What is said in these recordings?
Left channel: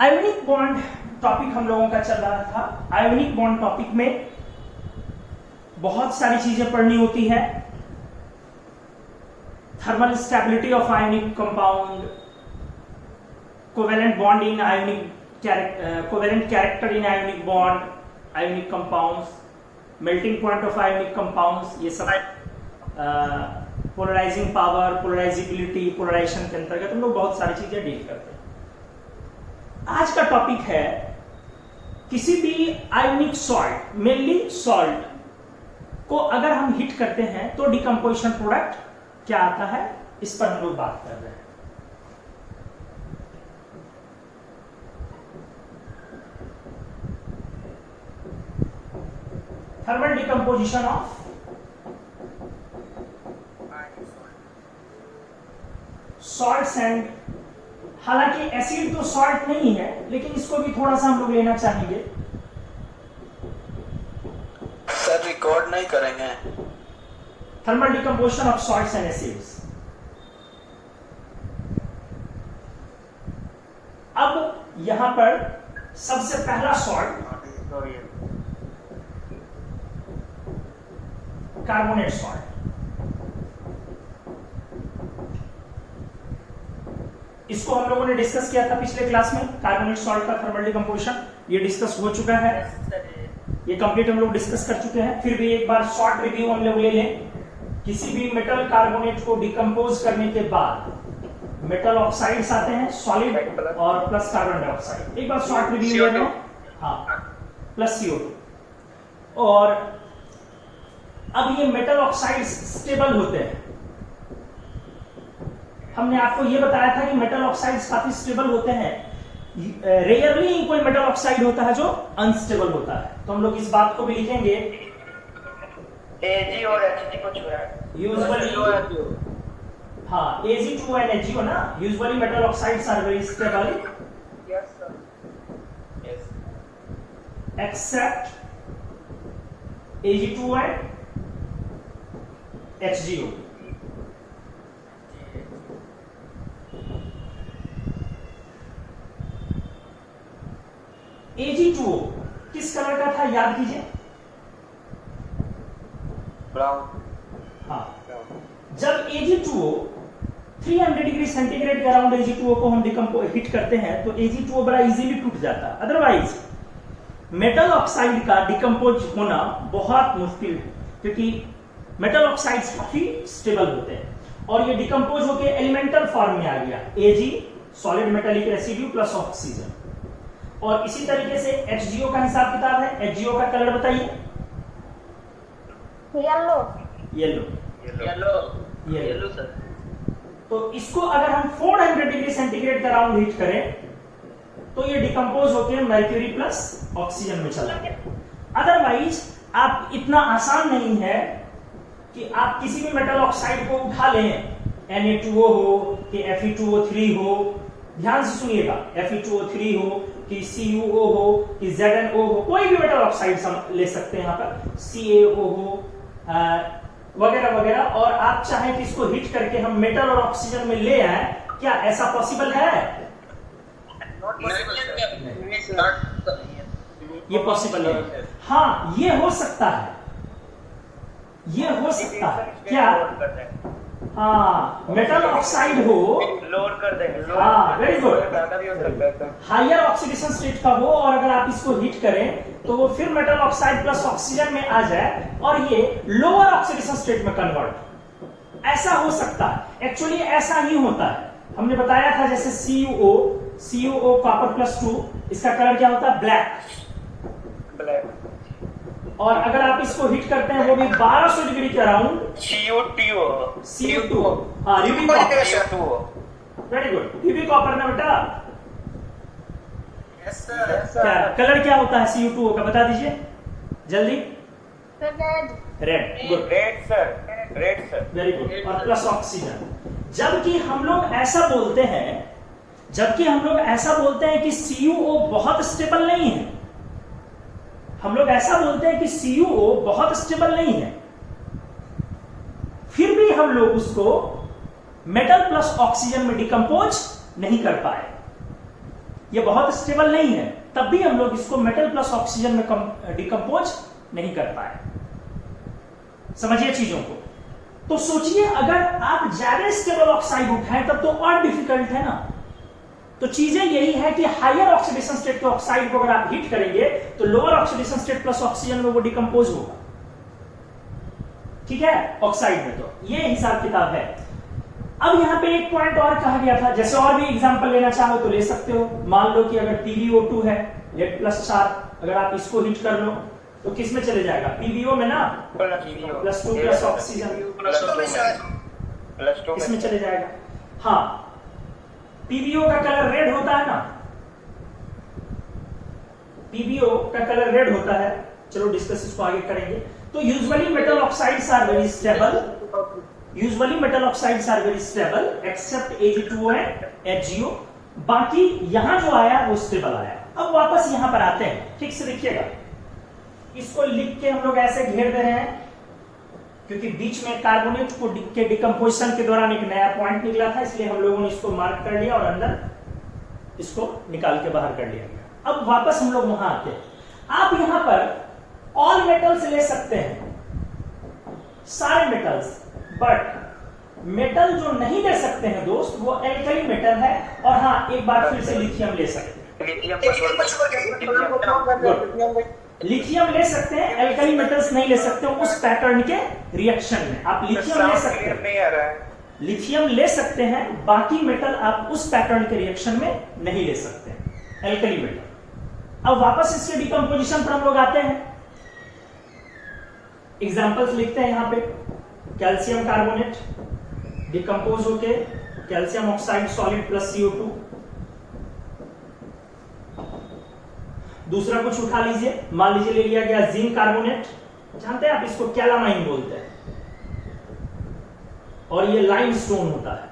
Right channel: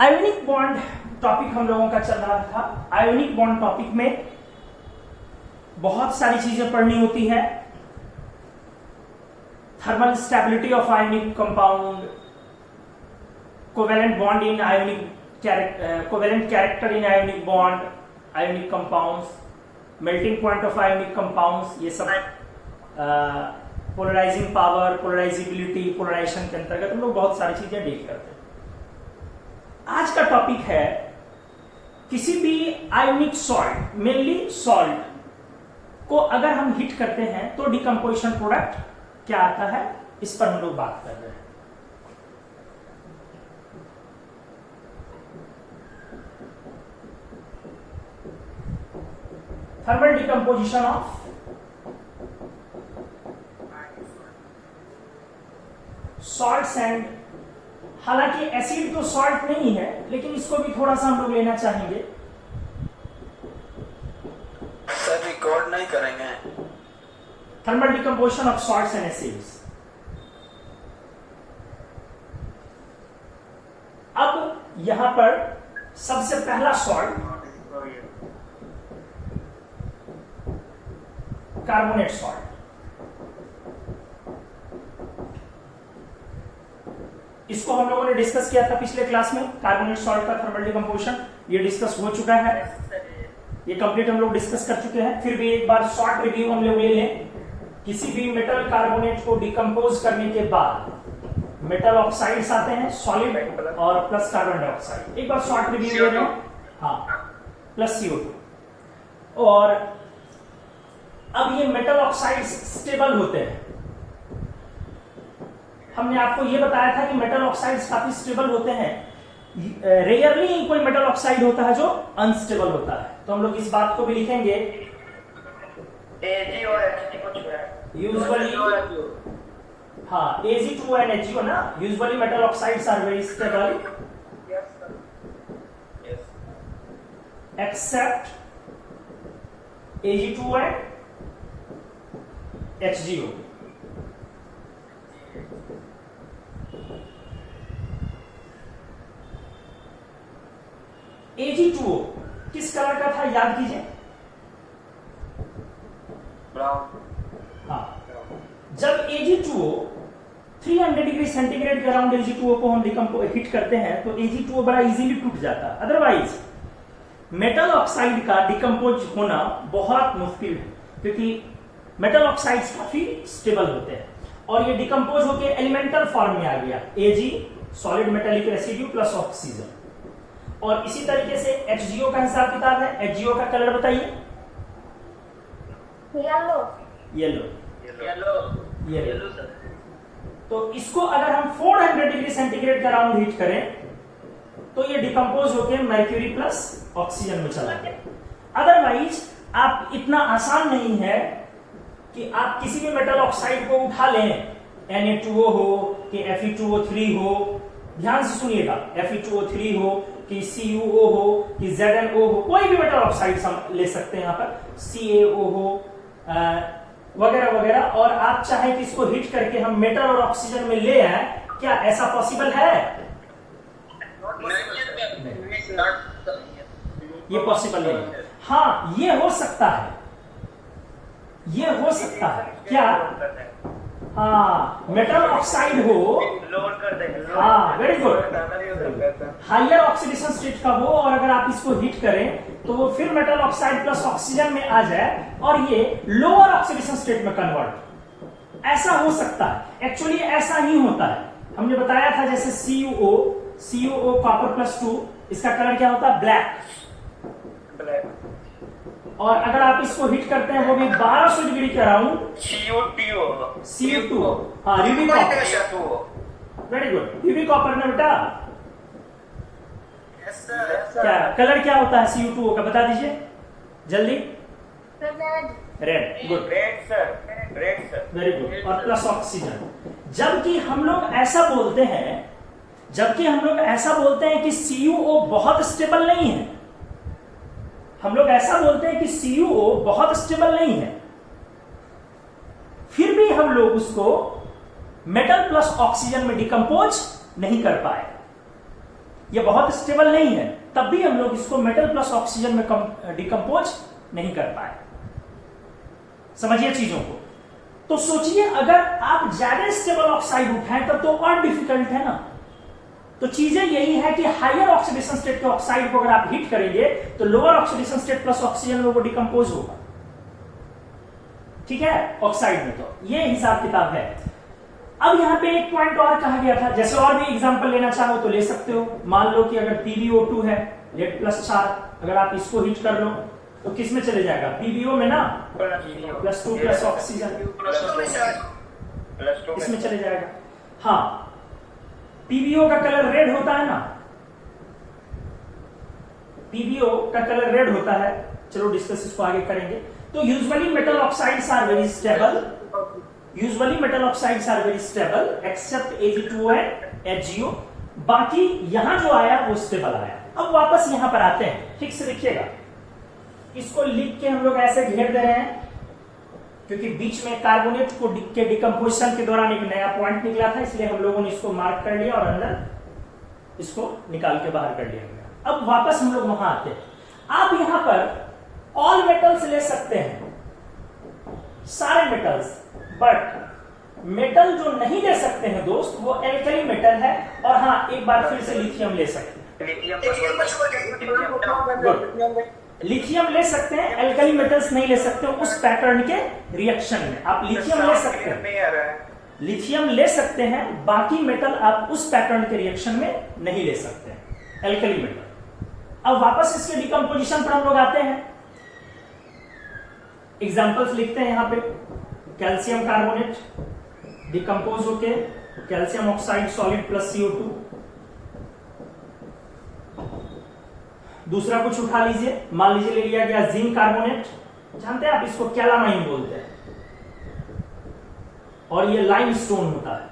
Ionic bond topic हम लोगों का चल रहा था। आयोनिक बॉन्ड टॉपिक में बहुत सारी चीजें पढ़नी होती है। Thermal stability of ionic compound, covalent bond in ionic covalent character in ionic bond, ionic compounds, melting point of ionic compounds, ये सब पोलराइजिंग पावर, पोलराइजिबिलिटी, पोलराइजेशन के अंतर्गत हम लोग बहुत सारी चीजें डील करते हैं। आज का टॉपिक है किसी भी आयोनिक सॉल्ट, मेनली सॉल्ट को अगर हम हीट करते हैं तो डिकम्पोजिशन प्रोडक्ट क्या आता है, इस पर हम लोग बात कर रहे हैं। Thermal decomposition of salts and, हालांकि एसिड तो सॉल्ट नहीं है लेकिन इसको भी थोड़ा सा हम लोग लेना चाहेंगे। सर रिकॉर्ड नहीं करेंगे। Thermal decomposition of salts and acids. अब यहां पर सबसे पहला सॉल्ट कार्बोनेट सॉल्ट। इसको हम लोगों ने डिस्कस किया था पिछले क्लास में, कार्बोनेट सॉल्ट का थर्मल डिकम्पोजिशन, ये डिस्कस हो चुका है, ये कंप्लीट हम लोग डिस्कस कर चुके हैं। फिर भी एक बार शॉर्ट रिव्यू हम लोग ले लें। किसी भी मेटल कार्बोनेट को डिकम्पोज करने के बाद मेटल ऑक्साइड्स आते हैं, सॉलिड और प्लस कार्बन डाइऑक्साइड। एक बार शॉर्ट रिव्यू ले रहे हो, हाँ, प्लस CO2। और अब ये मेटल ऑक्साइड्स स्टेबल होते हैं। हमने आपको ये बताया था कि मेटल ऑक्साइड्स काफी स्टेबल होते हैं। रेयरली कोई मेटल ऑक्साइड होता है जो अनस्टेबल होता है, तो हम लोग इस बात को भी लिखेंगे। Ag और Hg को छोड़ा यूजुअली, हाँ, Ag2 and Hg ना, usually metal oxides are very stable except Ag2 and HgO। Ag2O किस कलर का था, याद कीजिए। ब्राउन। हाँ, जब Ag2O 300 डिग्री सेंटीग्रेड के अराउंड Ag2O को हम हीट करते हैं तो Ag2O बड़ा इजीली टूट जाता है। अदरवाइज मेटल ऑक्साइड का डिकम्पोज होना बहुत मुश्किल है, क्योंकि मेटल ऑक्साइड्स काफी स्टेबल होते हैं और ये डिकम्पोज होके एलिमेंटल फॉर्म में आ गया, Ag solid metallic residue plus oxygen. और इसी तरीके से HgO का हिसाब किताब है। HgO का कलर बताइए। Yellow. Yellow, yellow yellow sir. तो इसको अगर हम 400 डिग्री सेंटीग्रेड के अराउंड हीट करें तो ये डिकम्पोज होकर मर्क्यूरी प्लस ऑक्सीजन में चला गया। अदरवाइज आप इतना आसान नहीं है कि आप किसी भी मेटल ऑक्साइड को उठा लें, Na2O हो कि Fe2O3 हो, ध्यान से सुनिएगा, Fe2O3 हो कि CuO हो कि ZnO हो, कोई भी मेटल ऑक्साइड हम ले सकते हैं यहाँ पर, CaO हो वगैरह वगैरह, और आप चाहें कि इसको हीट करके हम मेटल और ऑक्सीजन में ले आए, क्या ऐसा पॉसिबल है? ये पॉसिबल नहीं है। हाँ, ये हो सकता है, ये हो सकता है। क्या? हाँ, मेटल ऑक्साइड हो, लोअर कर देंगे। हाँ, very good, higher oxidation state का हो, और अगर आप इसको हीट करें तो वो फिर मेटल ऑक्साइड प्लस ऑक्सीजन में आ जाए और ये लोअर ऑक्सीडेशन स्टेट में कन्वर्ट, ऐसा हो सकता है। एक्चुअली ऐसा ही होता है, हमने बताया था। जैसे CuO कॉपर प्लस 2, इसका कलर क्या होता है? ब्लैक। और अगर आप इसको हीट करते हैं वो भी 1200 डिग्री के अराउंड, CO2, हाँ, Ruby copper, very good, Ruby copper में बेटा क्या कलर क्या होता है CuO का, बता दीजिए जल्दी। Red, good, red sir, very good, और प्लस ऑक्सीजन। जबकि हम लोग ऐसा बोलते हैं कि CuO बहुत स्टेबल नहीं है, हम लोग ऐसा बोलते हैं कि CuO बहुत स्टेबल नहीं है, फिर भी हम लोग उसको मेटल प्लस ऑक्सीजन में डिकम्पोज नहीं कर पाए। ये बहुत स्टेबल नहीं है, तब भी हम लोग इसको मेटल प्लस ऑक्सीजन में डिकम्पोज नहीं कर पाए। समझिए चीजों को। तो सोचिए अगर आप ज्यादा स्टेबल ऑक्साइड उठाएं तब तो और डिफिकल्ट है ना। तो चीजें यही है कि हायर ऑक्सीडेशन स्टेट के ऑक्साइड को अगर आप हीट करेंगे तो lower oxidation state plus oxygen में वो डिकम्पोज होगा, ठीक है, ऑक्साइड में। तो ये हिसाब किताब है। अब यहां पे एक पॉइंट और कहा गया था, जैसे और भी एग्जांपल लेना चाहो तो ले सकते हो। मान लो कि अगर PbO2 है Z+4, अगर आप इसको हीट कर लो तो किस में चले जाएगा, PbO में ना, +2 प्लस ऑक्सीजन इसमें चले जाएगा। हाँ, PbO का कलर रेड होता है ना, PbO का कलर रेड होता है। चलो डिस्कस इसको आगे करेंगे। तो usually metal oxides are very stable, except Ag2O and HgO। बाकी यहां जो आया वो स्टेबल आया। अब वापस यहां पर आते हैं, ठीक से देखिएगा। इसको लिख के हम लोग ऐसे घेर दे रहे हैं क्योंकि बीच में कार्बोनेट को के डिकम्पोजिशन के दौरान एक नया पॉइंट निकला था, इसलिए हम लोगों ने इसको मार्क कर लिया और अंदर इसको निकाल के बाहर कर लिया गया। अब वापस हम लोग वहां आते हैं। आप यहां पर ऑल मेटल्स ले सकते हैं, सारे मेटल्स, बट मेटल जो नहीं ले सकते हैं दोस्त वो एल्कली मेटल है। और हाँ, एक बार फिर से लिथियम ले सकते हैं, लिथियम ले सकते हैं, एल्कली मेटल्स नहीं ले सकते उस पैटर्न के रिएक्शन में। आप लिथियम ले सकते हैं, लिथियम ले सकते हैं, बाकी मेटल आप उस पैटर्न के रिएक्शन में नहीं ले सकते हैं, एल्कली मेटल। अब वापस इसके डिकम्पोजिशन पर हम लोग आते हैं, एग्जांपल्स लिखते हैं यहां पे। कैल्शियम कार्बोनेट डिकम्पोज होके calcium oxide solid plus CO2। दूसरा कुछ उठा लीजिए, मान लीजिए ले लिया गया जिंक कार्बोनेट, जानते हैं आप इसको कैलामाइन बोलते हैं, और ये लाइमस्टोन होता है,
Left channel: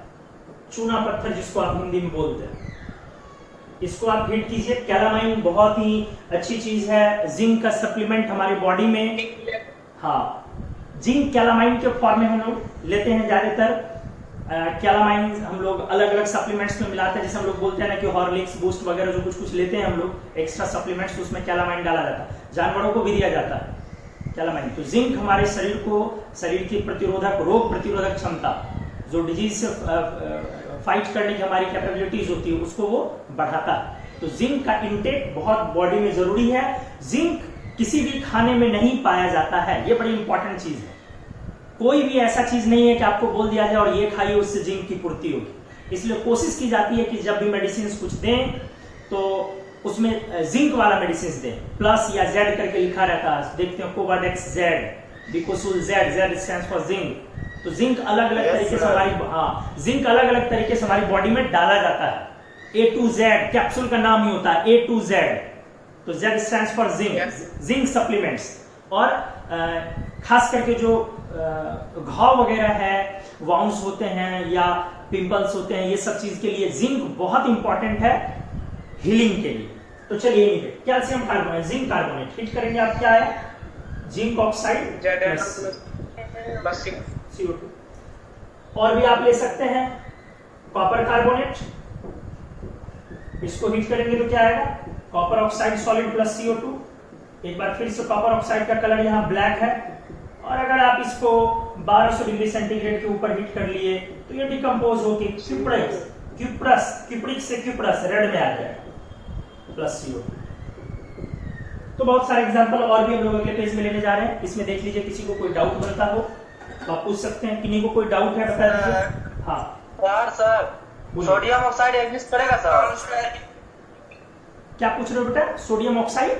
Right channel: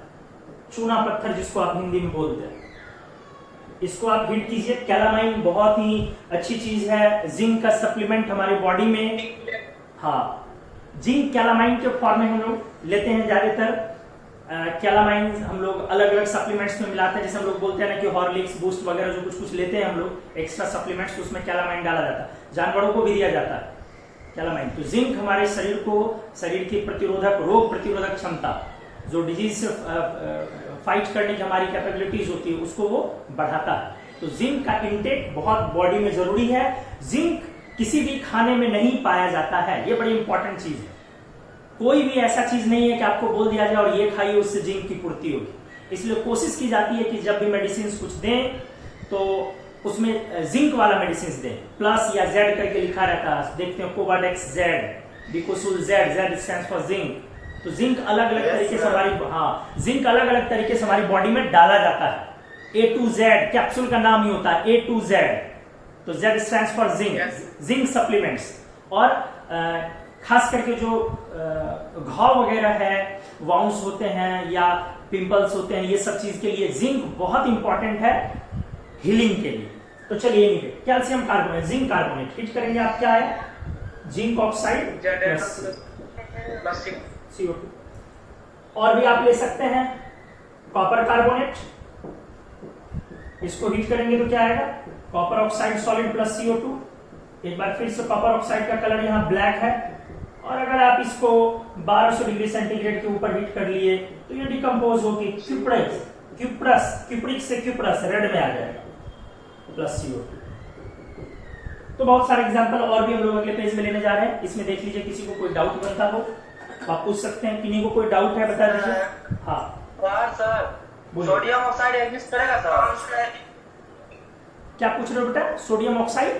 चूना पत्थर जिसको आप हिंदी में बोलते हैं। इसको आप हीट कीजिए। कैलामाइन बहुत ही अच्छी चीज है, जिंक का सप्लीमेंट हमारे बॉडी में। हाँ, जिंक कैलामाइन के फॉर्म में हम लोग लेते हैं ज्यादातर। कैलामाइन हम लोग अलग अलग सप्लीमेंट्स में मिलाते हैं, जैसे हम लोग बोलते हैं ना कि हॉर्लिक्स बूस्ट वगैरह जो कुछ कुछ लेते हैं हम लोग एक्स्ट्रा सप्लीमेंट्स, तो उसमें कैलामाइन डाला जाता है, जानवरों को भी दिया जाता है कैलामाइन। तो जिंक हमारे शरीर को, शरीर की प्रतिरोधक, रोग प्रतिरोधक क्षमता, जो डिजीज से फाइट करने की हमारी कैपेबिलिटीज होती है, उसको वो बढ़ाता है। तो जिंक का इंटेक बहुत बॉडी में जरूरी है। जिंक किसी भी खाने में नहीं पाया जाता है, ये बड़ी इंपॉर्टेंट चीज है। कोई भी ऐसा चीज नहीं है कि आपको बोल दिया जाए और ये खाइए उससे जिंक की पूर्ति होगी। इसलिए कोशिश की जाती है कि जब भी मेडिसिन कुछ दें तो उसमें जिंक वाला मेडिसिन दें, प्लस या जेड करके लिखा रहता है, देखते हैं कोवाडेक्स जेड, डिकोसुल Z, Z stands for zinc. तो जिंक अलग अलग तरीके से हमारी, हाँ, जिंक अलग अलग तरीके से हमारी बॉडी में डाला जाता है। A to Z कैप्सूल का नाम ही होता है, A to Z, तो Z stands for zinc, zinc supplements. और खास करके जो घाव वगैरह है, वाउंड्स होते हैं या पिंपल्स होते हैं, ये सब चीज के लिए जिंक बहुत इंपॉर्टेंट है हीलिंग के लिए। तो चलिए calcium carbonate, zinc carbonate heat करेंगे, आप क्या है, जिंक ऑक्साइड प्लस CO2। और भी आप ले सकते हैं कॉपर कार्बोनेट, इसको हीट करेंगे तो क्या आएगा, copper oxide solid plus CO2। एक बार फिर से कॉपर ऑक्साइड का कलर यहाँ ब्लैक है, और अगर आप इसको 1200 डिग्री सेंटीग्रेड के ऊपर हीट कर लिए तो ये डिकम्पोज होगी क्यूप्रस से क्यूप्रस रेड में आ जाएगा प्लस CO2। तो बहुत सारे एग्जांपल और भी हम लोग अगले पेज में लेने जा रहे हैं। इसमें देख लीजिए, किसी को कोई डाउट बनता हो तो आप पूछ सकते हैं। किन्हीं को कोई डाउट है बता दीजिए। हाँ सर, सोडियम ऑक्साइड एग्जिस्ट करेगा सर? क्या पूछ रहे हो बेटा? सोडियम ऑक्साइड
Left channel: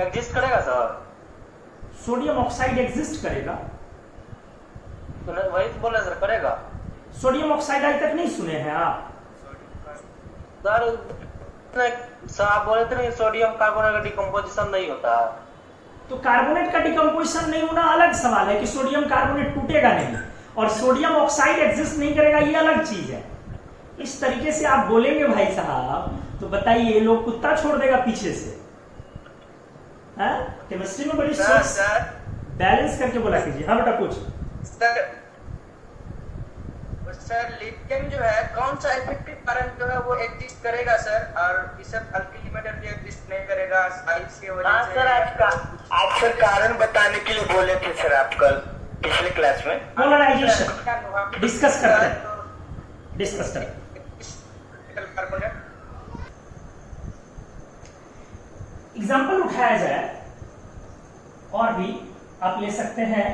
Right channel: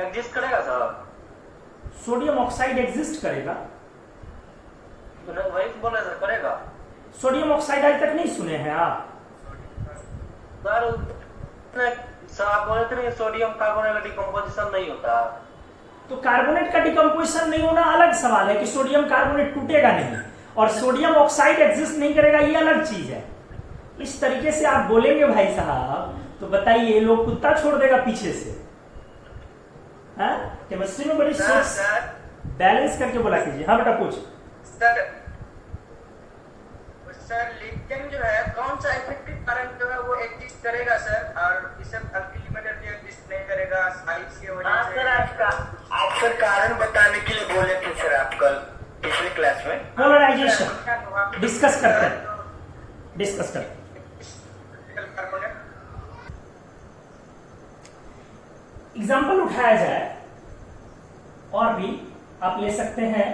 एग्जिस्ट करेगा सर? सोडियम ऑक्साइड एग्जिस्ट करेगा? तो वही बोले सर, करेगा। सोडियम ऑक्साइड आज तक नहीं सुने हैं आप? सर आप बोले थे ना सोडियम कार्बोनेट का डिकम्पोजिशन नहीं होता। तो कार्बोनेट का डिकम्पोजिशन नहीं होना अलग सवाल है कि सोडियम कार्बोनेट टूटेगा नहीं, और सोडियम ऑक्साइड एग्जिस्ट नहीं करेगा, ये अलग चीज है। इस तरीके से आप बोलेंगे भाई साहब तो बताइए लोग कुत्ता छोड़ देगा पीछे से। केमिस्ट्री में बड़ी सोच बैलेंस करके बोला कीजिए। हाँ बेटा पूछ। सर लिथियम जो है कौन सा इफेक्टिव करंट जो है वो एग्जिस्ट करेगा सर, और इसे अल्टीमेटली एग्जिस्ट नहीं करेगा साइज की वजह से। सर आप सर कारण बताने के लिए बोले थे सर आप कल पिछले क्लास में। पोलराइजेशन डिस्कस करते हैं। एग्जाम्पल उठाया जाए और भी आप ले सकते हैं।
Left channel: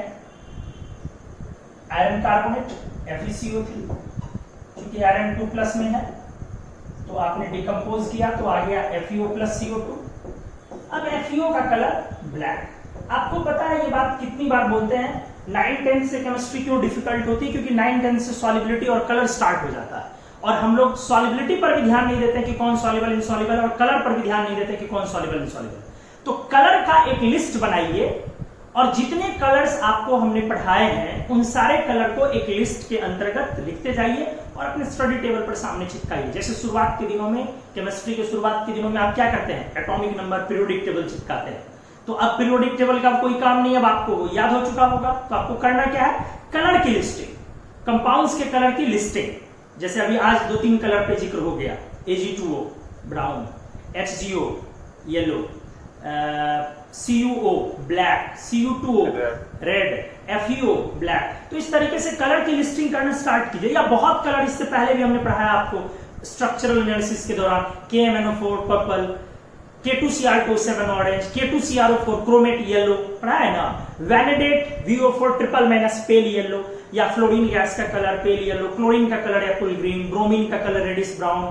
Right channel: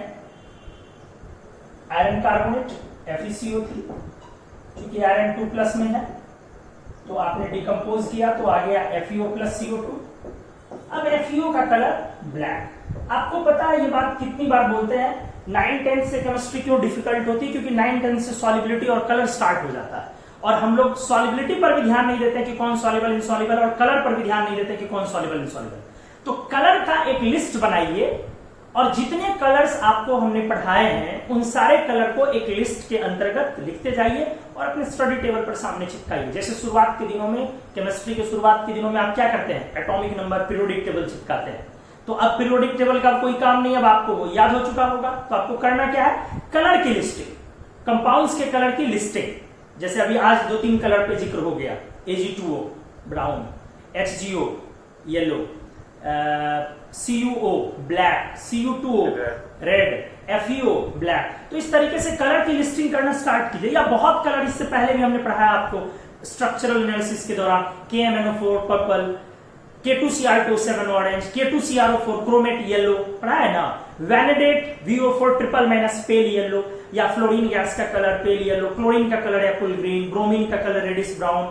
आयरन कार्बोनेट FeCO3, क्योंकि आयरन 2+ में है तो आपने डिकम्पोज किया तो आ गया FeO + CO2। अब FeO का कलर ब्लैक। आपको पता है ये बात कितनी बार बोलते हैं, 9-10 से केमिस्ट्री क्यों डिफिकल्ट होती है, क्योंकि 9-10 से सॉलिबिलिटी और कलर स्टार्ट हो जाता है और हम लोग सॉलिबिलिटी पर भी ध्यान नहीं देते कि कौन सॉल्युबल इनसॉल्युबल, और कलर पर भी ध्यान नहीं देते कि कौन सॉल्युबल इनसॉल्युबल। तो कलर का एक लिस्ट बनाइए और जितने कलर्स आपको हमने पढ़ाए हैं उन सारे कलर को एक लिस्ट के अंतर्गत लिखते जाइए और अपने स्टडी टेबल पर सामने चिपकाइए। जैसे शुरुआत के दिनों में, केमिस्ट्री के शुरुआत के दिनों में आप क्या करते हैं, एटॉमिक नंबर, पीरियोडिक टेबल चिपकाते हैं। तो अब पीरियोडिक टेबल का कोई काम नहीं, अब आपको वो याद हो चुका होगा। तो आपको करना क्या है, कलर की लिस्टिंग, कंपाउंड्स के कलर की लिस्टिंग। जैसे अभी आज 2-3 कलर पे जिक्र हो गया, Ag2O brown, HgO yellow, CuO black, Cu2O red, FeO black. तो इस तरीके से कलर की लिस्टिंग करना स्टार्ट कीजिए। या बहुत कलर इससे पहले भी हमने पढ़ाया आपको स्ट्रक्चरल एनालिसिस के दौरान, KMNO4 purple, K2Cr27 orange, K2CrO4 chromate yellow, पढ़ा है ना। वैनिडेट VO4 ट्रिपल- पेल येलो, या फ्लोरीन गैस का कलर पेल येलो, क्लोरीन का कलर एप्पल ग्रीन, ब्रोमीन का कलर रेडिश ब्राउन,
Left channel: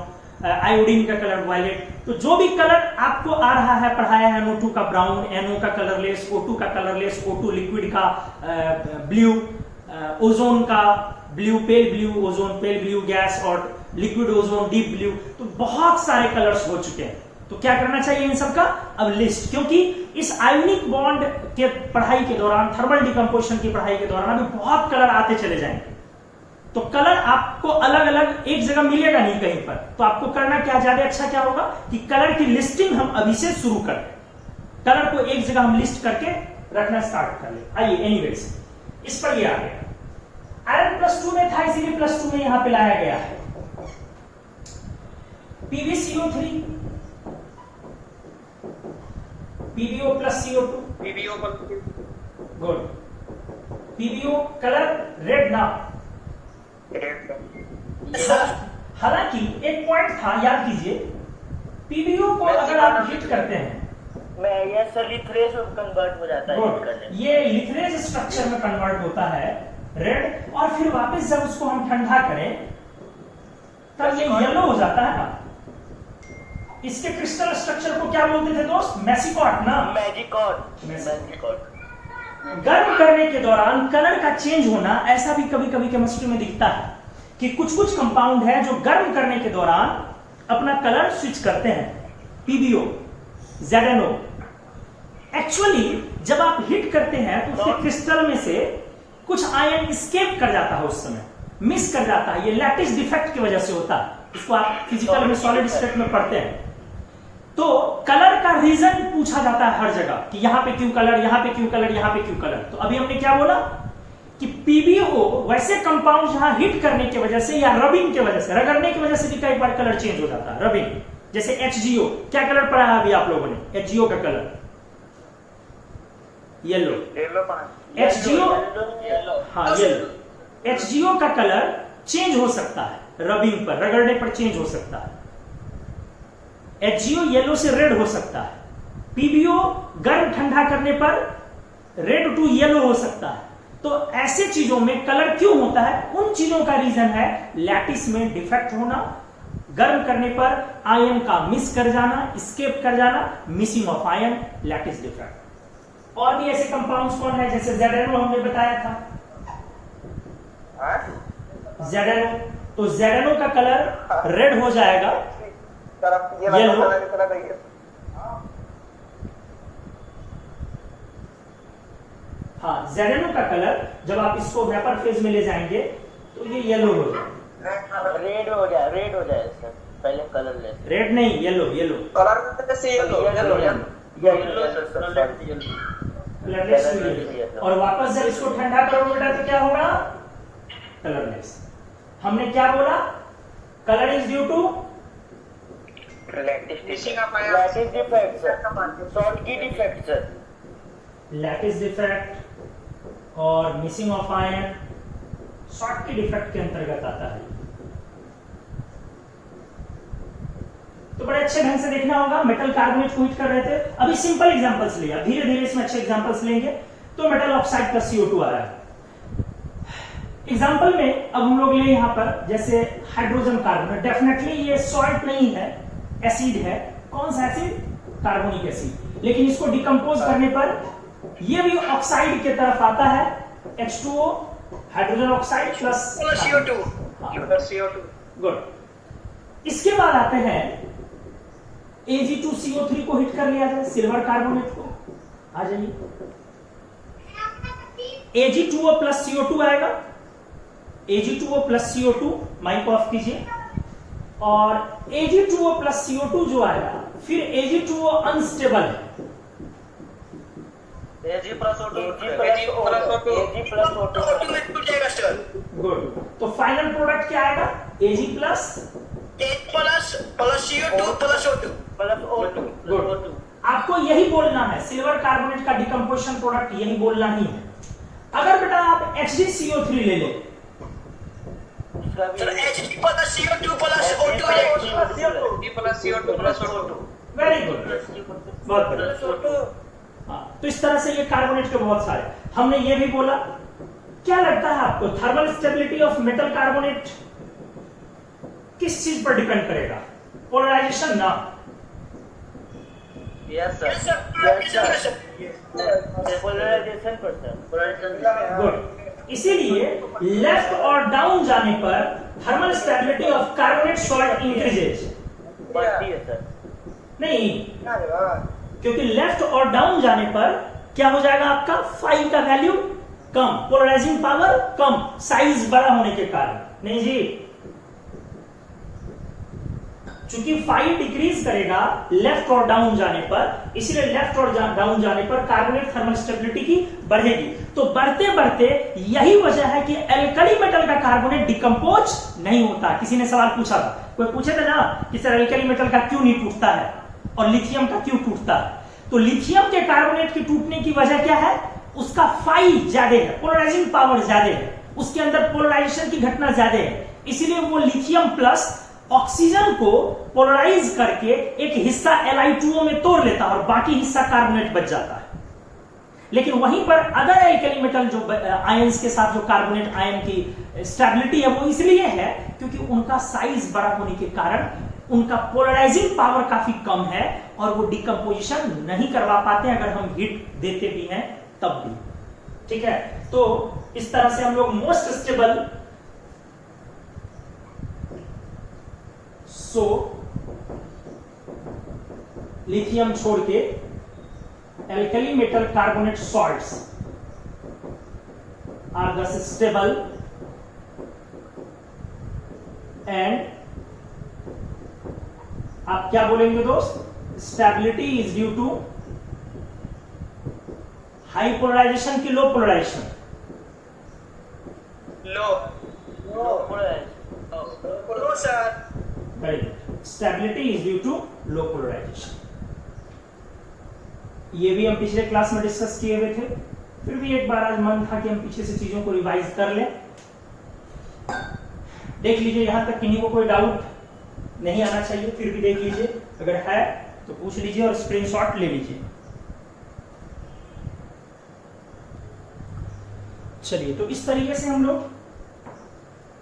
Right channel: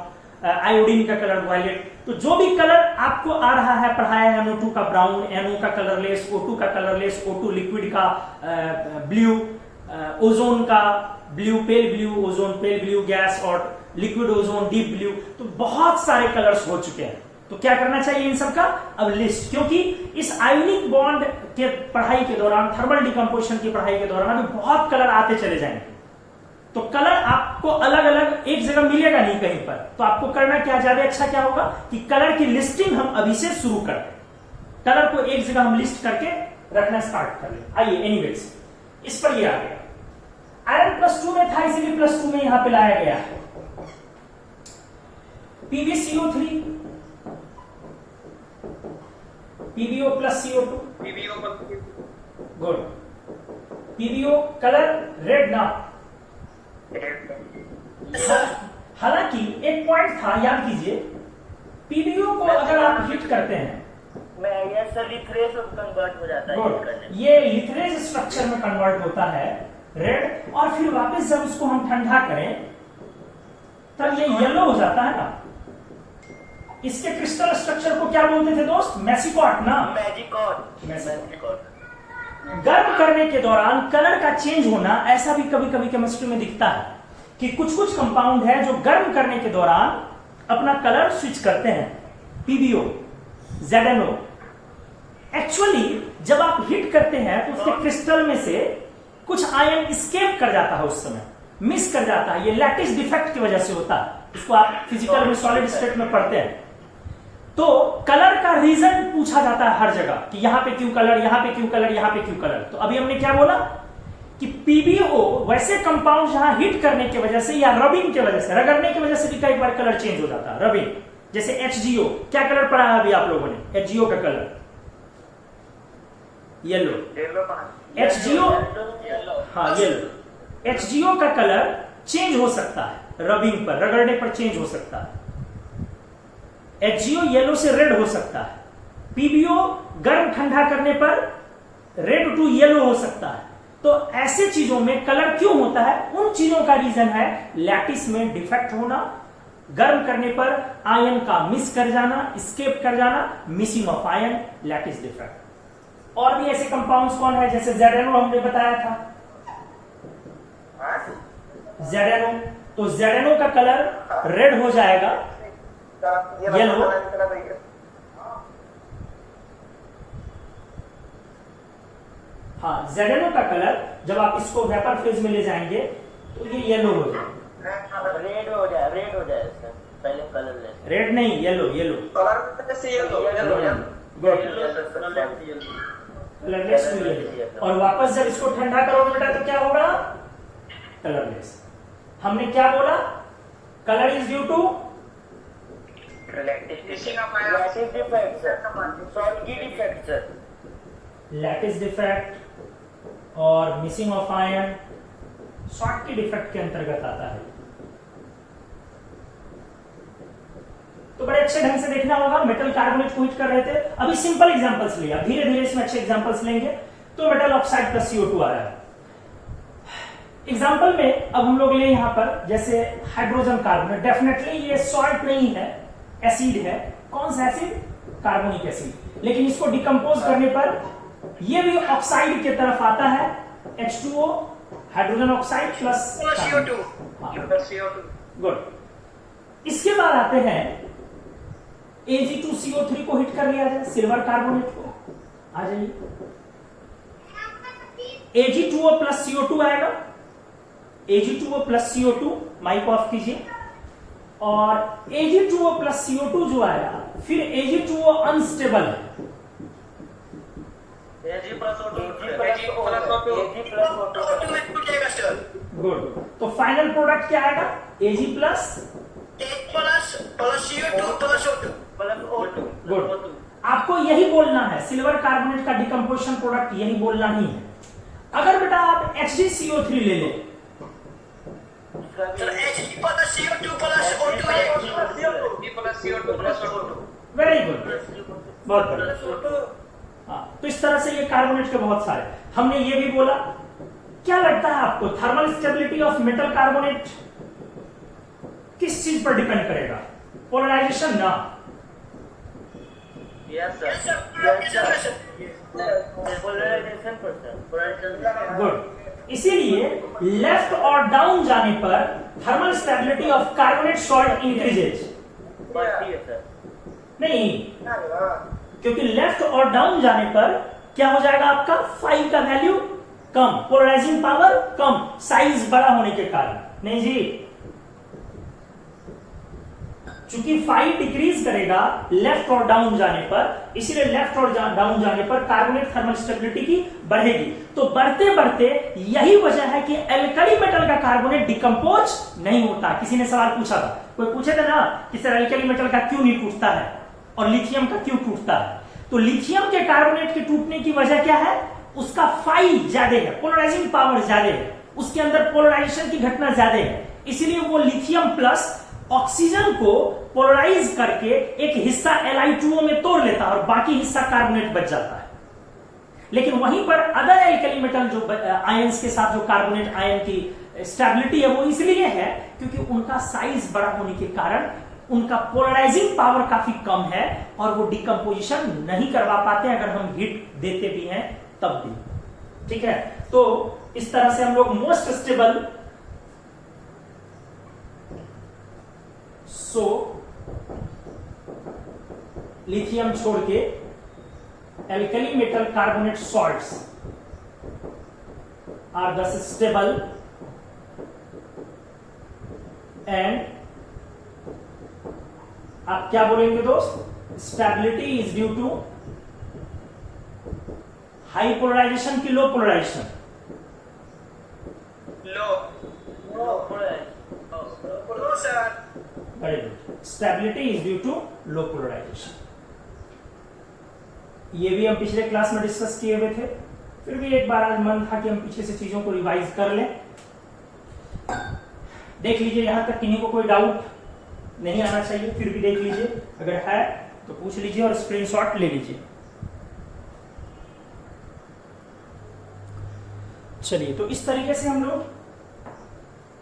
आयोडीन का कलर वायलेट। तो जो भी कलर आपको आ रहा है पढ़ाया है, NO2 का ब्राउन, NO का कलरलेस, O2 का कलरलेस, O2 लिक्विड का ब्लू, ओजोन का blue pale blue, ozone pale blue gas, और लिक्विड ओजोन डीप ब्लू। तो बहुत सारे कलर्स हो चुके हैं। तो क्या करना चाहिए इन सब का अब लिस्ट, क्योंकि इस आयोनिक बॉन्ड के पढ़ाई के दौरान, थर्मल डिकम्पोजिशन की पढ़ाई के दौरान अभी बहुत कलर आते चले जाएंगे। तो कलर आपको अलग अलग एक जगह मिलेगा नहीं कहीं पर। तो आपको करना क्या, ज्यादा अच्छा क्या होगा कि कलर की लिस्टिंग हम अभी से शुरू करें। कलर को एक जगह हम लिस्ट करके रखना स्टार्ट कर ले। आइए एनीवेज, इस पर ये आ गया। आयरन +2 में था इसीलिए +2 में यहां पे लाया गया है। PbCO3, PbO + CO2, good. PbO colour red ना। हालांकि एक पॉइंट था, याद कीजिए, PbO को अगर आप हीट करते हैं, ये सर लिथरेज में कन्वर्ट हो जाता है। ये लिथरेज स्ट्रक्चर में कन्वर्ट होता है रेड, और फिर वापस जब उसको हम ठंडा करें तब ये येलो हो जाता है ना। इसके क्रिस्टल स्ट्रक्चर को क्या बोलते थे दोस्त, मैजिकॉट ना। मैजिकॉट। गर्म करने के दौरान कलर का चेंज होना, ऐसा भी कभी कभी केमिस्ट्री में दिखता है कि कुछ कुछ कंपाउंड है जो गर्म करने के दौरान अपना कलर स्विच करते हैं। PbO, ZnO। एक्चुअली जब आप हिट करते हैं तो उसके क्रिस्टल में से कुछ आयन स्केप कर जाता है, उस समय मिस कर जाता है। ये लैटिस डिफेक्ट की वजह से होता है। इसको आप फिजिकल में सॉलिड स्टेट में पढ़ते हैं। तो कलर का रीजन पूछा जाता है हर जगह कि यहां पे क्यों कलर, यहां पे क्यों कलर, यहां पे क्यों कलर। तो अभी हमने क्या बोला कि PbO वैसे कंपाउंड जहां हिट करने की वजह से या रबिंग की वजह से, रगड़ने की वजह से भी कई बार कलर चेंज हो जाता है। रबिंग, जैसे HgO, क्या कलर पढ़ा है अभी आप लोगों ने, HgO का कलर येलो। HgO, हाँ येलो। HgO का कलर चेंज हो सकता है रबिंग पर, रगड़ने पर चेंज हो सकता है। HgO येलो से रेड हो सकता है। PbO गर्म ठंडा करने पर रेड टू येलो हो सकता है। तो ऐसे चीजों में कलर क्यों होता है, उन चीजों का रीजन है लैटिस में डिफेक्ट होना, गर्म करने पर आयन का मिस कर जाना, स्केप कर जाना, missing of ion, lattice defect. और भी ऐसे कंपाउंड्स कौन है, जैसे ZnO हमने बताया था। ZnO, तो ZnO का कलर रेड हो जाएगा, येलो। हाँ, ZnO का कलर जब आप इसको वेपर फेज में ले जाएंगे तो ये येलो हो जाएगा, रेड हो जाए सर, पहले कलर ले। रेड नहीं, येलो, येलो कलरलेस। और वापस जब इसको ठंडा करोगे बेटा तो क्या होगा, कलरलेस। हमने क्या बोला? Colour is due to Missing of ion. Lattice defect sir, Schottky defect sir. Lattice defect और missing of ion Schottky defect के अंतर्गत आता है। तो बड़े अच्छे ढंग से देखना होगा। मेटल कार्बोनेट को हीट कर रहे थे, अभी सिंपल एग्जांपल्स लिया, धीरे धीरे इसमें अच्छे एग्जांपल्स लेंगे। तो मेटल ऑक्साइड प्लस CO2 आ रहा है एग्जांपल में। अब हम लोग ले यहां पर जैसे हाइड्रोजन कार्बोनेट, डेफिनेटली ये सॉल्ट नहीं है, एसिड है। कौन सा एसिड? Carbonic acid. लेकिन इसको डिकम्पोज करने पर ये भी ऑक्साइड की तरफ आता है, H2O hydrogen oxide plus CO2. CO2. Good. इसके बाद आते हैं Ag2CO3 को हिट कर लिया जाए, सिल्वर कार्बोनेट को। आ जाइए, Ag2O प्लस CO2 आएगा, Ag2O plus CO2, mic off कीजिए। और Ag2O प्लस CO2 जो आएगा, फिर Ag2O अनस्टेबल है, Ag plus O2, Ag plus O2 में टूट जाएगा सर. गुड। तो फाइनल प्रोडक्ट क्या आएगा? Ag plus plus CO2 plus O2. Plus O2। Good. आपको यही बोलना है, सिल्वर कार्बोनेट का डिकम्पोजिशन प्रोडक्ट यही बोलना ही है। अगर बेटा आप HgCO3 ले लें, sir Ag plus CO2 plus O2 है. Plus CO2 plus O2. Very good, बहुत बढ़िया। हाँ, तो इस तरह से ये कार्बोनेट के बहुत सारे। हमने ये भी बोला, क्या लगता है आपको thermal stability of metal carbonate किस चीज पर डिपेंड करेगा? पोलराइजेशन ना? Yes sir, Yes, sir. Polarization पर सर। गुड। इसीलिए लेफ्ट और डाउन जाने पर thermal stability of carbonate salt increases. बढ़ती है सर। नहीं, क्योंकि लेफ्ट और डाउन जाने पर क्या हो जाएगा? आपका फाई का वैल्यू कम, पोलराइजिंग पावर कम, साइज बड़ा होने के कारण। नहीं जी, चूंकि फाई डिक्रीज करेगा लेफ्ट और डाउन जाने पर, इसीलिए लेफ्ट और डाउन जाने पर कार्बोनेट थर्मल स्टेबिलिटी की बढ़ेगी। तो बढ़ते बढ़ते यही वजह है कि एल्कली मेटल का कार्बोनेट डिकम्पोज नहीं होता। किसी ने सवाल पूछा था, कोई पूछे थे ना कि सर एल्कली मेटल का क्यों नहीं टूटता है और लिथियम का क्यों टूटता है? तो लिथियम के कार्बोनेट के टूटने की वजह क्या है? उसका फाई ज्यादा है, पोलराइजिंग पावर ज्यादा है, उसके अंदर पोलराइजेशन की घटना ज्यादा है, इसीलिए वो लिथियम प्लस ऑक्सीजन को पोलराइज करके एक हिस्सा Li2O में तोड़ लेता है और बाकी हिस्सा कार्बोनेट बच जाता है। लेकिन वहीं पर अदर एल्कली मेटल जो आयंस के साथ जो कार्बोनेट आयन की स्टेबिलिटी है वो इसलिए है क्योंकि उनका साइज बड़ा होने के कारण उनका पोलराइजिंग पावर काफी कम है और वो डिकम्पोजिशन नहीं करवा पाते अगर हम हीट देते भी हैं तब भी। ठीक है, तो इस तरह से हम लोग मोस्ट स्टेबल लिथियम छोड़ के alkali metal carbonate salts are thus stable and आप क्या बोलेंगे दोस्त? Stability is due to high polarisation की low polarisation? Low sir. Very good. Stability is due to low polarisation. ये भी हम पिछले क्लास में डिस्कस किए हुए थे, फिर भी एक बार आज मन था कि हम पीछे से चीजों को रिवाइज कर लें। देख लीजिए, यहां तक किन्हीं को कोई डाउट नहीं आना चाहिए, फिर भी देख लीजिए, अगर है तो पूछ लीजिए और स्क्रीनशॉट ले लीजिए। चलिए, तो इस तरीके से हम लोग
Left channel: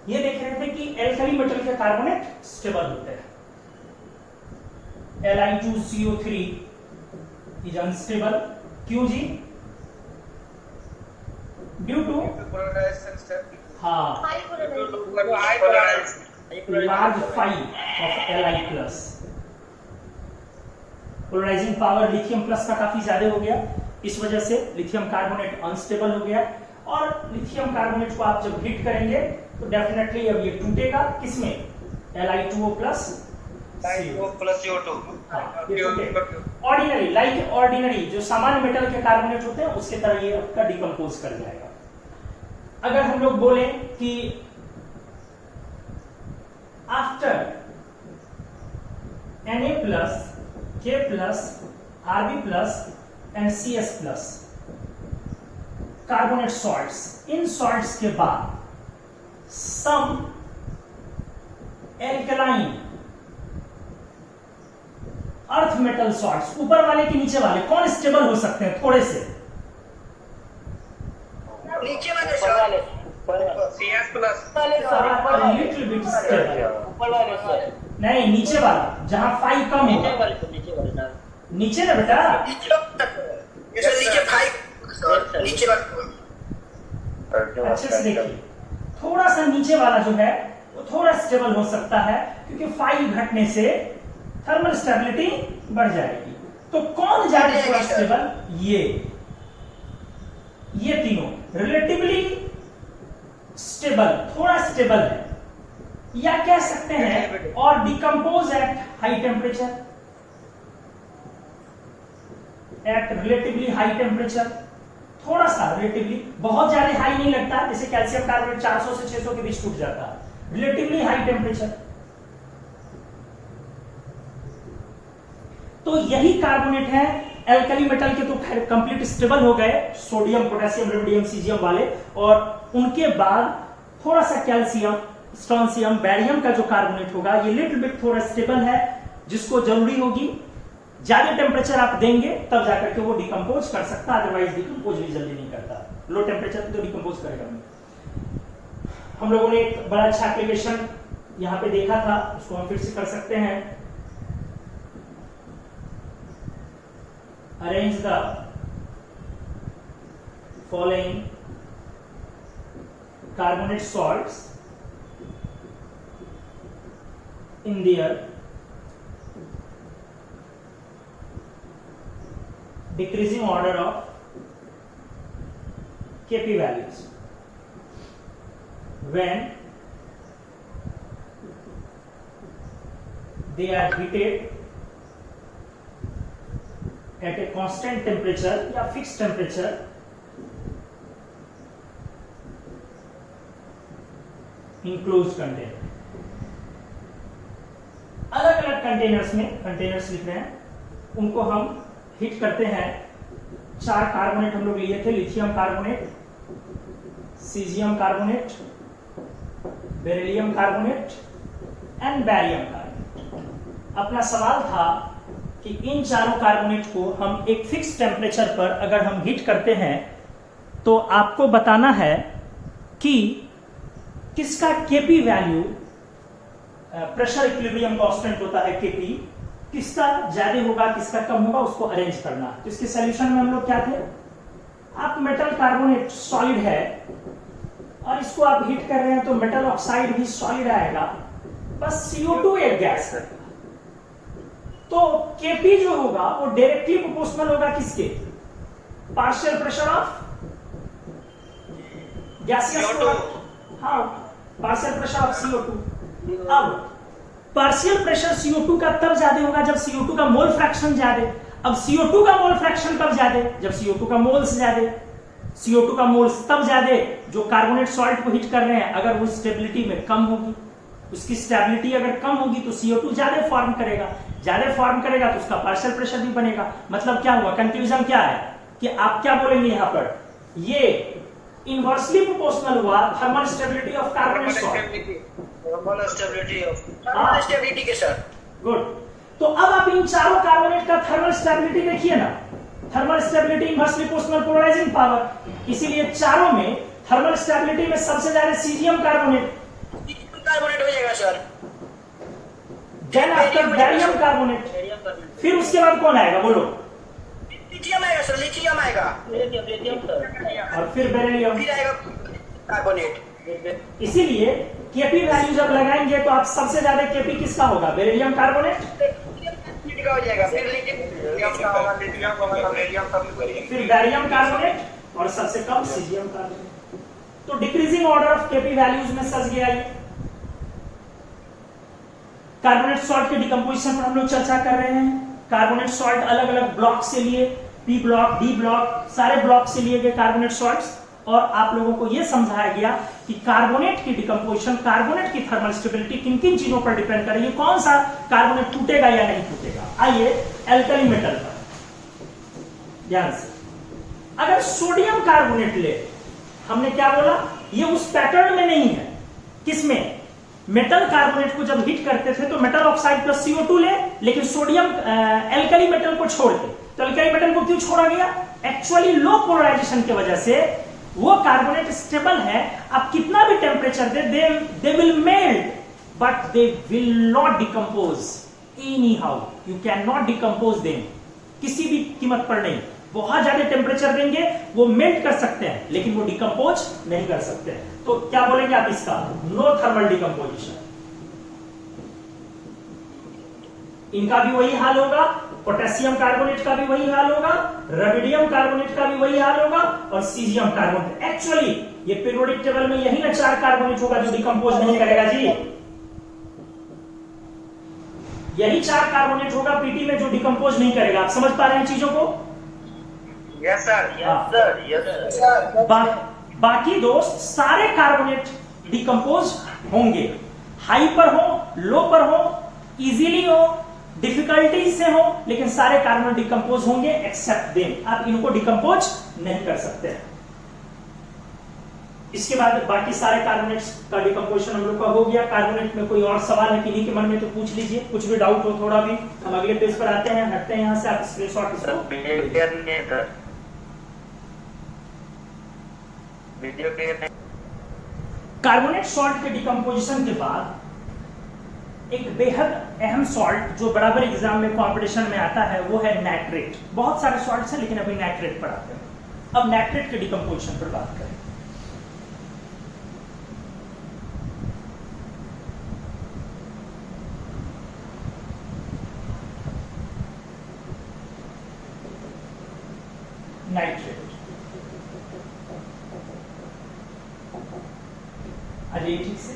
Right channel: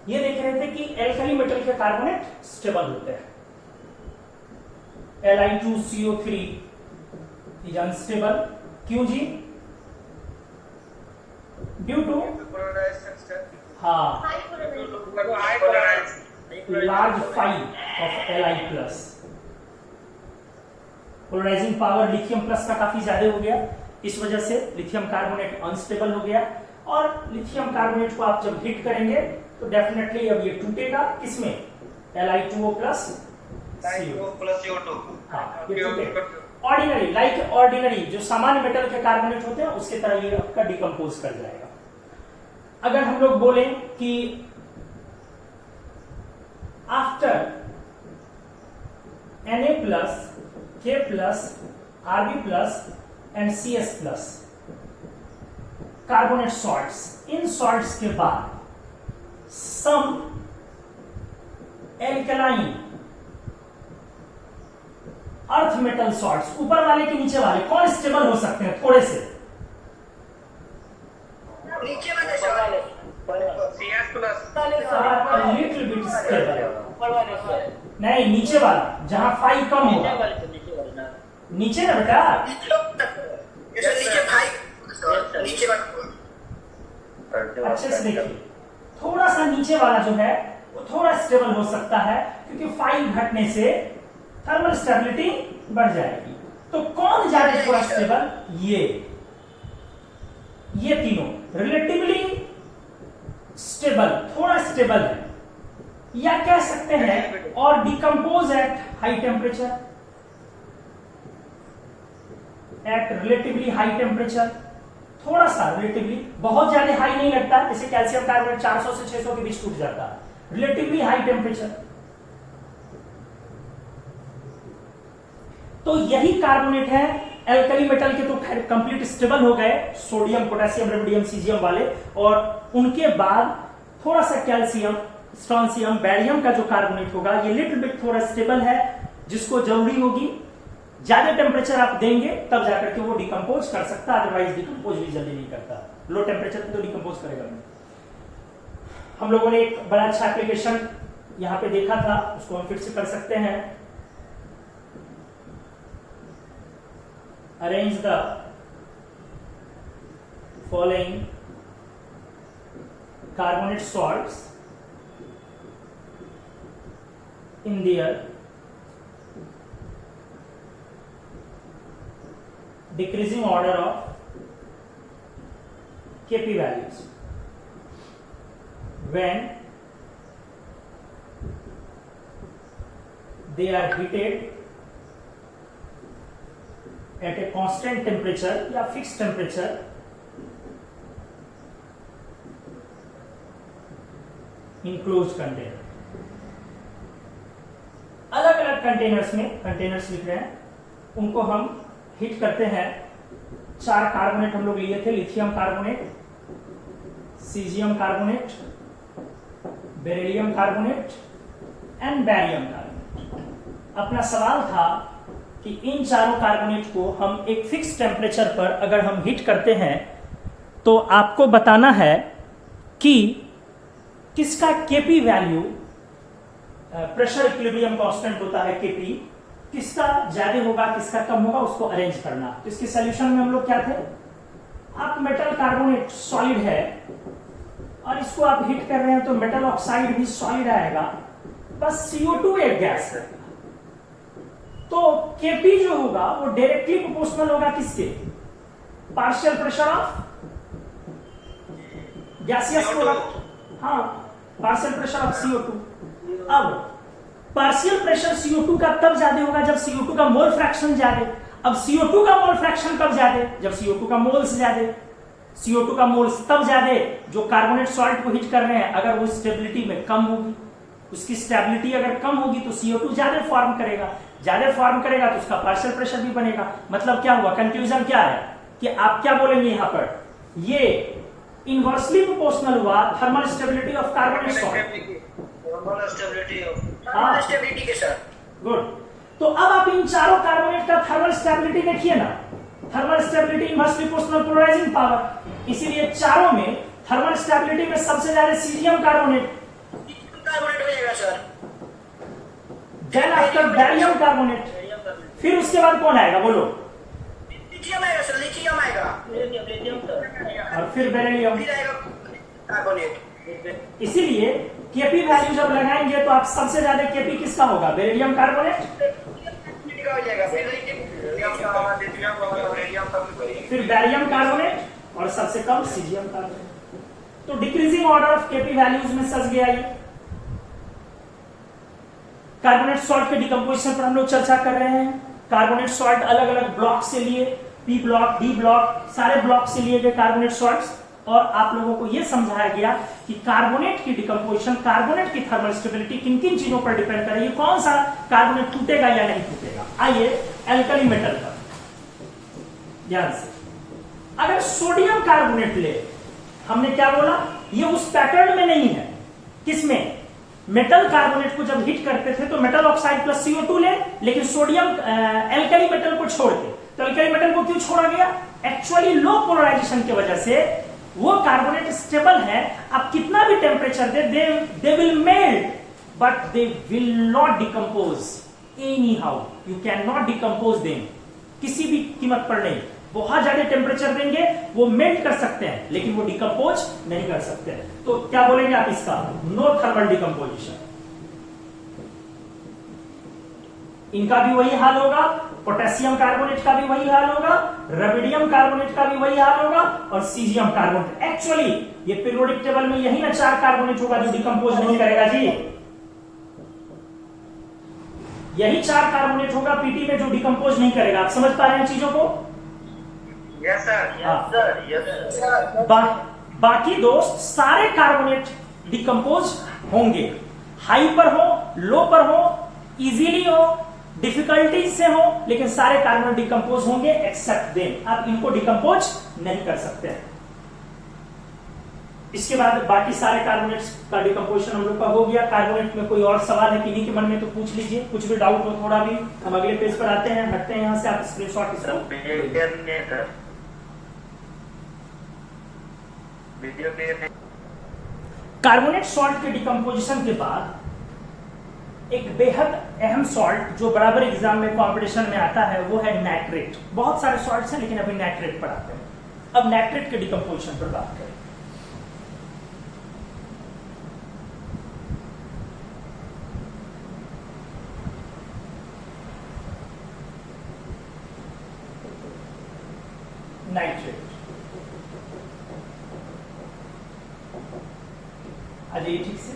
ये देख रहे थे कि एल्कली मेटल के कार्बोनेट स्टेबल होते हैं। Li2CO3 is unstable. क्यों जी? ड्यू टू हाँ large phi of Li plus. Polarizing power lithium plus का काफी ज्यादा हो गया, इस वजह से लिथियम कार्बोनेट अनस्टेबल हो गया। और लिथियम कार्बोनेट को आप जब हीट करेंगे तो डेफिनेटली अब ये टूटेगा, किसमें? Li2O plus CO2. Ordinary, like ordinary जो सामान्य मेटल के कार्बोनेट होते हैं उसके तरह ये आपका डिकम्पोज कर जाएगा। अगर हम लोग बोले कि after Na plus, K plus, Rb plus and CS plus carbonate salts, in salts के बाद सम एल्कलाइन अर्थ मेटल सॉल्ट्स, ऊपर वाले के नीचे वाले कौन स्टेबल हो सकते हैं थोड़े से? नीचे वाले sir CS plus little bit stable. ऊपर वाले सर, नहीं, नीचे वाला जहां 5 कम होगा। नीचे ना बेटा, नीचे 5 नीचे वाला अच्छे से देखिए, थोड़ा सा नीचे वाला जो है वो थोड़ा स्टेबल हो सकता है, क्योंकि 5 घटने से थर्मल स्टेबिलिटी बढ़ जाएगी। तो कौन ज्यादा थोड़ा स्टेबल? ये तीनों रिलेटिवली स्टेबल, थोड़ा स्टेबल है, या कह सकते हैं और decompose at high temperature, at relatively high temperature. थोड़ा सा रिलेटिवली, बहुत ज्यादा हाई नहीं लगता, जैसे कैल्शियम कार्बोनेट 400 से 600 के बीच टूट जाता है, रिलेटिवली हाई टेम्परेचर। तो यही कार्बोनेट है। एल्कली मेटल के तो कंप्लीट स्टेबल हो गए, सोडियम, पोटेशियम, रुबिडियम, सीजियम वाले, और उनके बाद थोड़ा सा कैल्शियम, स्ट्रोंशियम, बैरियम का जो कार्बोनेट होगा ये लिटिल बिट थोड़ा स्टेबल है, जिसको जरूरी होगी ज्यादा टेम्परेचर आप देंगे तब जाकर के वो डिकम्पोज कर सकता, अदरवाइज डिकम्पोज भी जल्दी नहीं करता। लो टेम्परेचर पे तो डिकम्पोज करेगा नहीं। हम लोगों ने एक बड़ा अच्छा एप्लीकेशन यहां पे देखा था, उसको हम फिर से कर सकते हैं। Arrange the following carbonate salts in their decreasing order of Kp values when they are heated at a constant temperature या fixed temperature इनक्लोज कंटेनर। अलग अलग कंटेनर्स में, कंटेनर्स लिख रहे हैं, उनको हम हीट करते हैं। 4 कार्बोनेट हम लोग लिए थे, lithium carbonate, caesium carbonate, beryllium carbonate and barium carbonate. अपना सवाल था कि इन चारों कार्बोनेट को हम एक फिक्स टेम्परेचर पर अगर हम हीट करते हैं तो आपको बताना है कि किसका KP value, pressure equilibrium constant होता है केपी, किसका ज्यादा होगा किसका कम होगा, उसको अरेंज करना। तो इसके सॉल्यूशन में हम लोग क्या थे, आप मेटल कार्बोनेट सॉलिड है और इसको आप हीट कर रहे हैं तो मेटल ऑक्साइड भी सॉलिड आएगा, बस CO2 एक गैस है। तो केपी जो होगा वो डायरेक्टली प्रोपोर्शनल होगा किसके, partial pressure of gaseous product, हाँ, पार्शियल प्रेशर ऑफ CO2। अब पार्शियल प्रेशर CO2 का तब ज्यादा होगा जब CO2 का मोल फ्रैक्शन ज्यादा। अब CO2 का मोल फ्रैक्शन कब ज्यादा, जब CO2 का मोल्स ज्यादा। CO2 का मोल्स तब ज्यादा जो कार्बोनेट सॉल्ट को हीट कर रहे हैं, अगर वो स्टेबिलिटी में कम होगी, उसकी स्टेबिलिटी अगर कम होगी तो CO2 ज्यादा फॉर्म करेगा, ज्यादा फॉर्म करेगा तो उसका पार्शियल प्रेशर भी बनेगा। मतलब क्या हुआ, कंक्लूजन क्या है कि आप क्या बोलेंगे यहां पर, ये इनवर्सली प्रोपोर्शनल हुआ thermal stability of carbonate salt, stability के साथ। गुड। तो अब आप इन चारों कार्बोनेट का थर्मल स्टेबिलिटी देखिए ना, thermal stability inversely proportional polarizing power, इसीलिए चारों में थर्मल स्टेबिलिटी में सबसे ज्यादा सीजियम कार्बोनेट कार्बोनेट हो जाएगा sir, then after barium carbonate, फिर उसके बाद कौन आएगा बोलो, लिथियम आएगा सर, लिथियम आएगा, और फिर बेरिलियम, फिर आएगा कार्बोनेट। इसीलिए केपी वैल्यू जब लगाएंगे तो आप सबसे ज्यादा केपी किसका होगा, बेरिलियम कार्बोनेट, हो जाएगा, फिर बैरियम कार्बोनेट और सबसे कम सीजियम कार्बोनेट। तो decreasing order of KP values में सज गया ये। कार्बोनेट सॉल्ट के डिकम्पोजिशन पर हम लोग चर्चा कर रहे हैं। कार्बोनेट सॉल्ट अलग अलग ब्लॉक से लिए, पी ब्लॉक, डी ब्लॉक, सारे ब्लॉक से लिए गए कार्बोनेट सॉल्ट्स, और आप लोगों को यह समझाया गया कि कि कार्बोनेट की डिकम्पोजिशन, कार्बोनेट की थर्मल स्टेबिलिटी किन किन चीजों पर डिपेंड करेगी, कौन सा कार्बोनेट टूटेगा या नहीं टूटेगा। आइए एल्कली मेटल पर ध्यान से, अगर सोडियम कार्बोनेट ले, हमने क्या बोला, ये उस पैटर्न में नहीं है। किसमें? मेटल कार्बोनेट को जब हीट करते थे तो मेटल ऑक्साइड प्लस CO2 ले, लेकिन सोडियम एल्कली मेटल को छोड़ के। तो एल्कली मेटल को क्यों छोड़ा गया? एक्चुअली लो पोलराइजेशन की वजह से वो कार्बोनेट स्टेबल है, आप कितना भी temperature they will melt but they will not decompose any how. You can not decompose them, किसी भी कीमत पर नहीं। बहुत ज्यादा टेम्परेचर देंगे वो मेल्ट कर सकते हैं, लेकिन वो डिकम्पोज नहीं कर सकते। तो क्या बोलेंगे आप इसका? No thermal decomposition. इनका भी वही हाल होगा, पोटेशियम कार्बोनेट का भी वही हाल होगा, रबिडियम कार्बोनेट का भी वही हाल होगा, और सीजियम कार्बोनेट। एक्चुअली ये पीरियोडिक टेबल में यही ना 4 कार्बोनेट होगा जो डिकम्पोज नहीं करेगा जी। यही 4 कार्बोनेट होगा पीटी में जो डिकम्पोज नहीं करेगा। आप समझ पा रहे हैं चीजों को? Yes sir, yes sir. बाकी दोस्त सारे कार्बोनेट डिकम्पोज होंगे, हाई पर हो, लो पर हो, इजीली हो, डिफिकल्टी से हो, लेकिन सारे कार्बोनेट डिकम्पोज होंगे एक्सेप्ट देम। आप इनको डिकम्पोज नहीं कर सकते हैं। इसके बाद बाकी सारे कार्बोनेट्स का डिकम्पोजिशन हम लोग का हो गया। कार्बोनेट में कोई और सवाल है किन्हीं के मन में तो पूछ लीजिए, कुछ भी डाउट हो थोड़ा भी। हम अगले पेज पर आते हैं, हटते हैं यहां से, आप स्क्रीनशॉट वीडियो क्लियर नहीं। कार्बोनेट सॉल्ट के डिकम्पोजिशन के बाद एक बेहद अहम सॉल्ट जो बराबर एग्जाम में कंपटीशन में आता है वो है नाइट्रेट। बहुत सारे सॉल्ट्स हैं लेकिन अभी नाइट्रेट पर आते हैं। अब नाइट्रेट के डिकम्पोजिशन पर बात करें। नाइट्रेट अजय ठीक से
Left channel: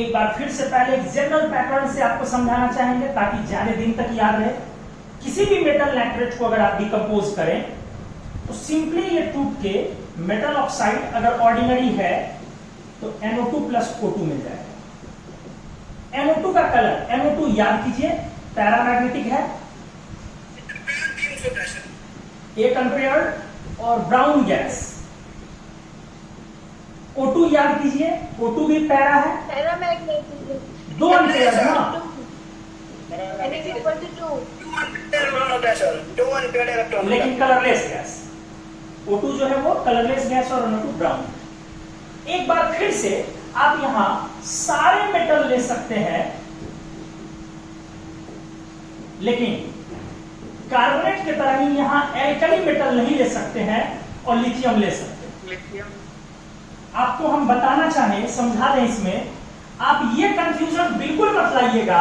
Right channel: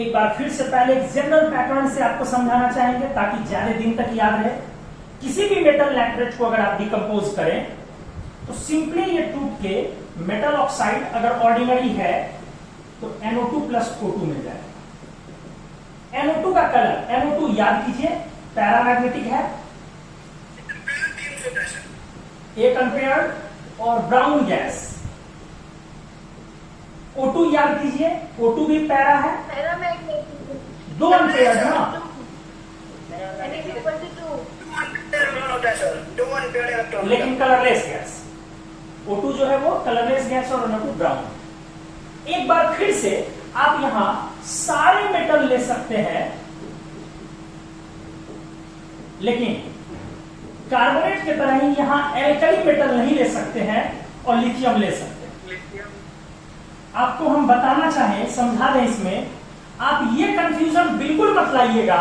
एक बार फिर से पहले एक जनरल पैटर्न से आपको समझाना चाहेंगे ताकि ज्यादा दिन तक याद रहे। किसी भी मेटल नाइट्रेट को अगर आप डिकम्पोज करें तो सिंपली ये टूट के मेटल ऑक्साइड अगर ऑर्डिनरी है तो NO2 प्लस O2 मिल जाएगा। NO2 का कलर, NO2 याद कीजिए पैरामैग्नेटिक है, एक अनपेयर्ड और ब्राउन गैस। O2 याद कीजिए, O2 भी पैरा है, दो अनपेयर्ड ना, लेकिन कलरलेस गैस। O2 जो है वो कलरलेस गैस और NO2 ब्राउन। एक बार फिर से आप यहां सारे मेटल ले सकते हैं, लेकिन कार्बोनेट की तरह ही यहां एल्कली मेटल नहीं ले सकते हैं और लिथियम ले सकते हैं। आपको हम बताना चाहें, समझा दें इसमें, आप ये कंफ्यूजन बिल्कुल मत लाइएगा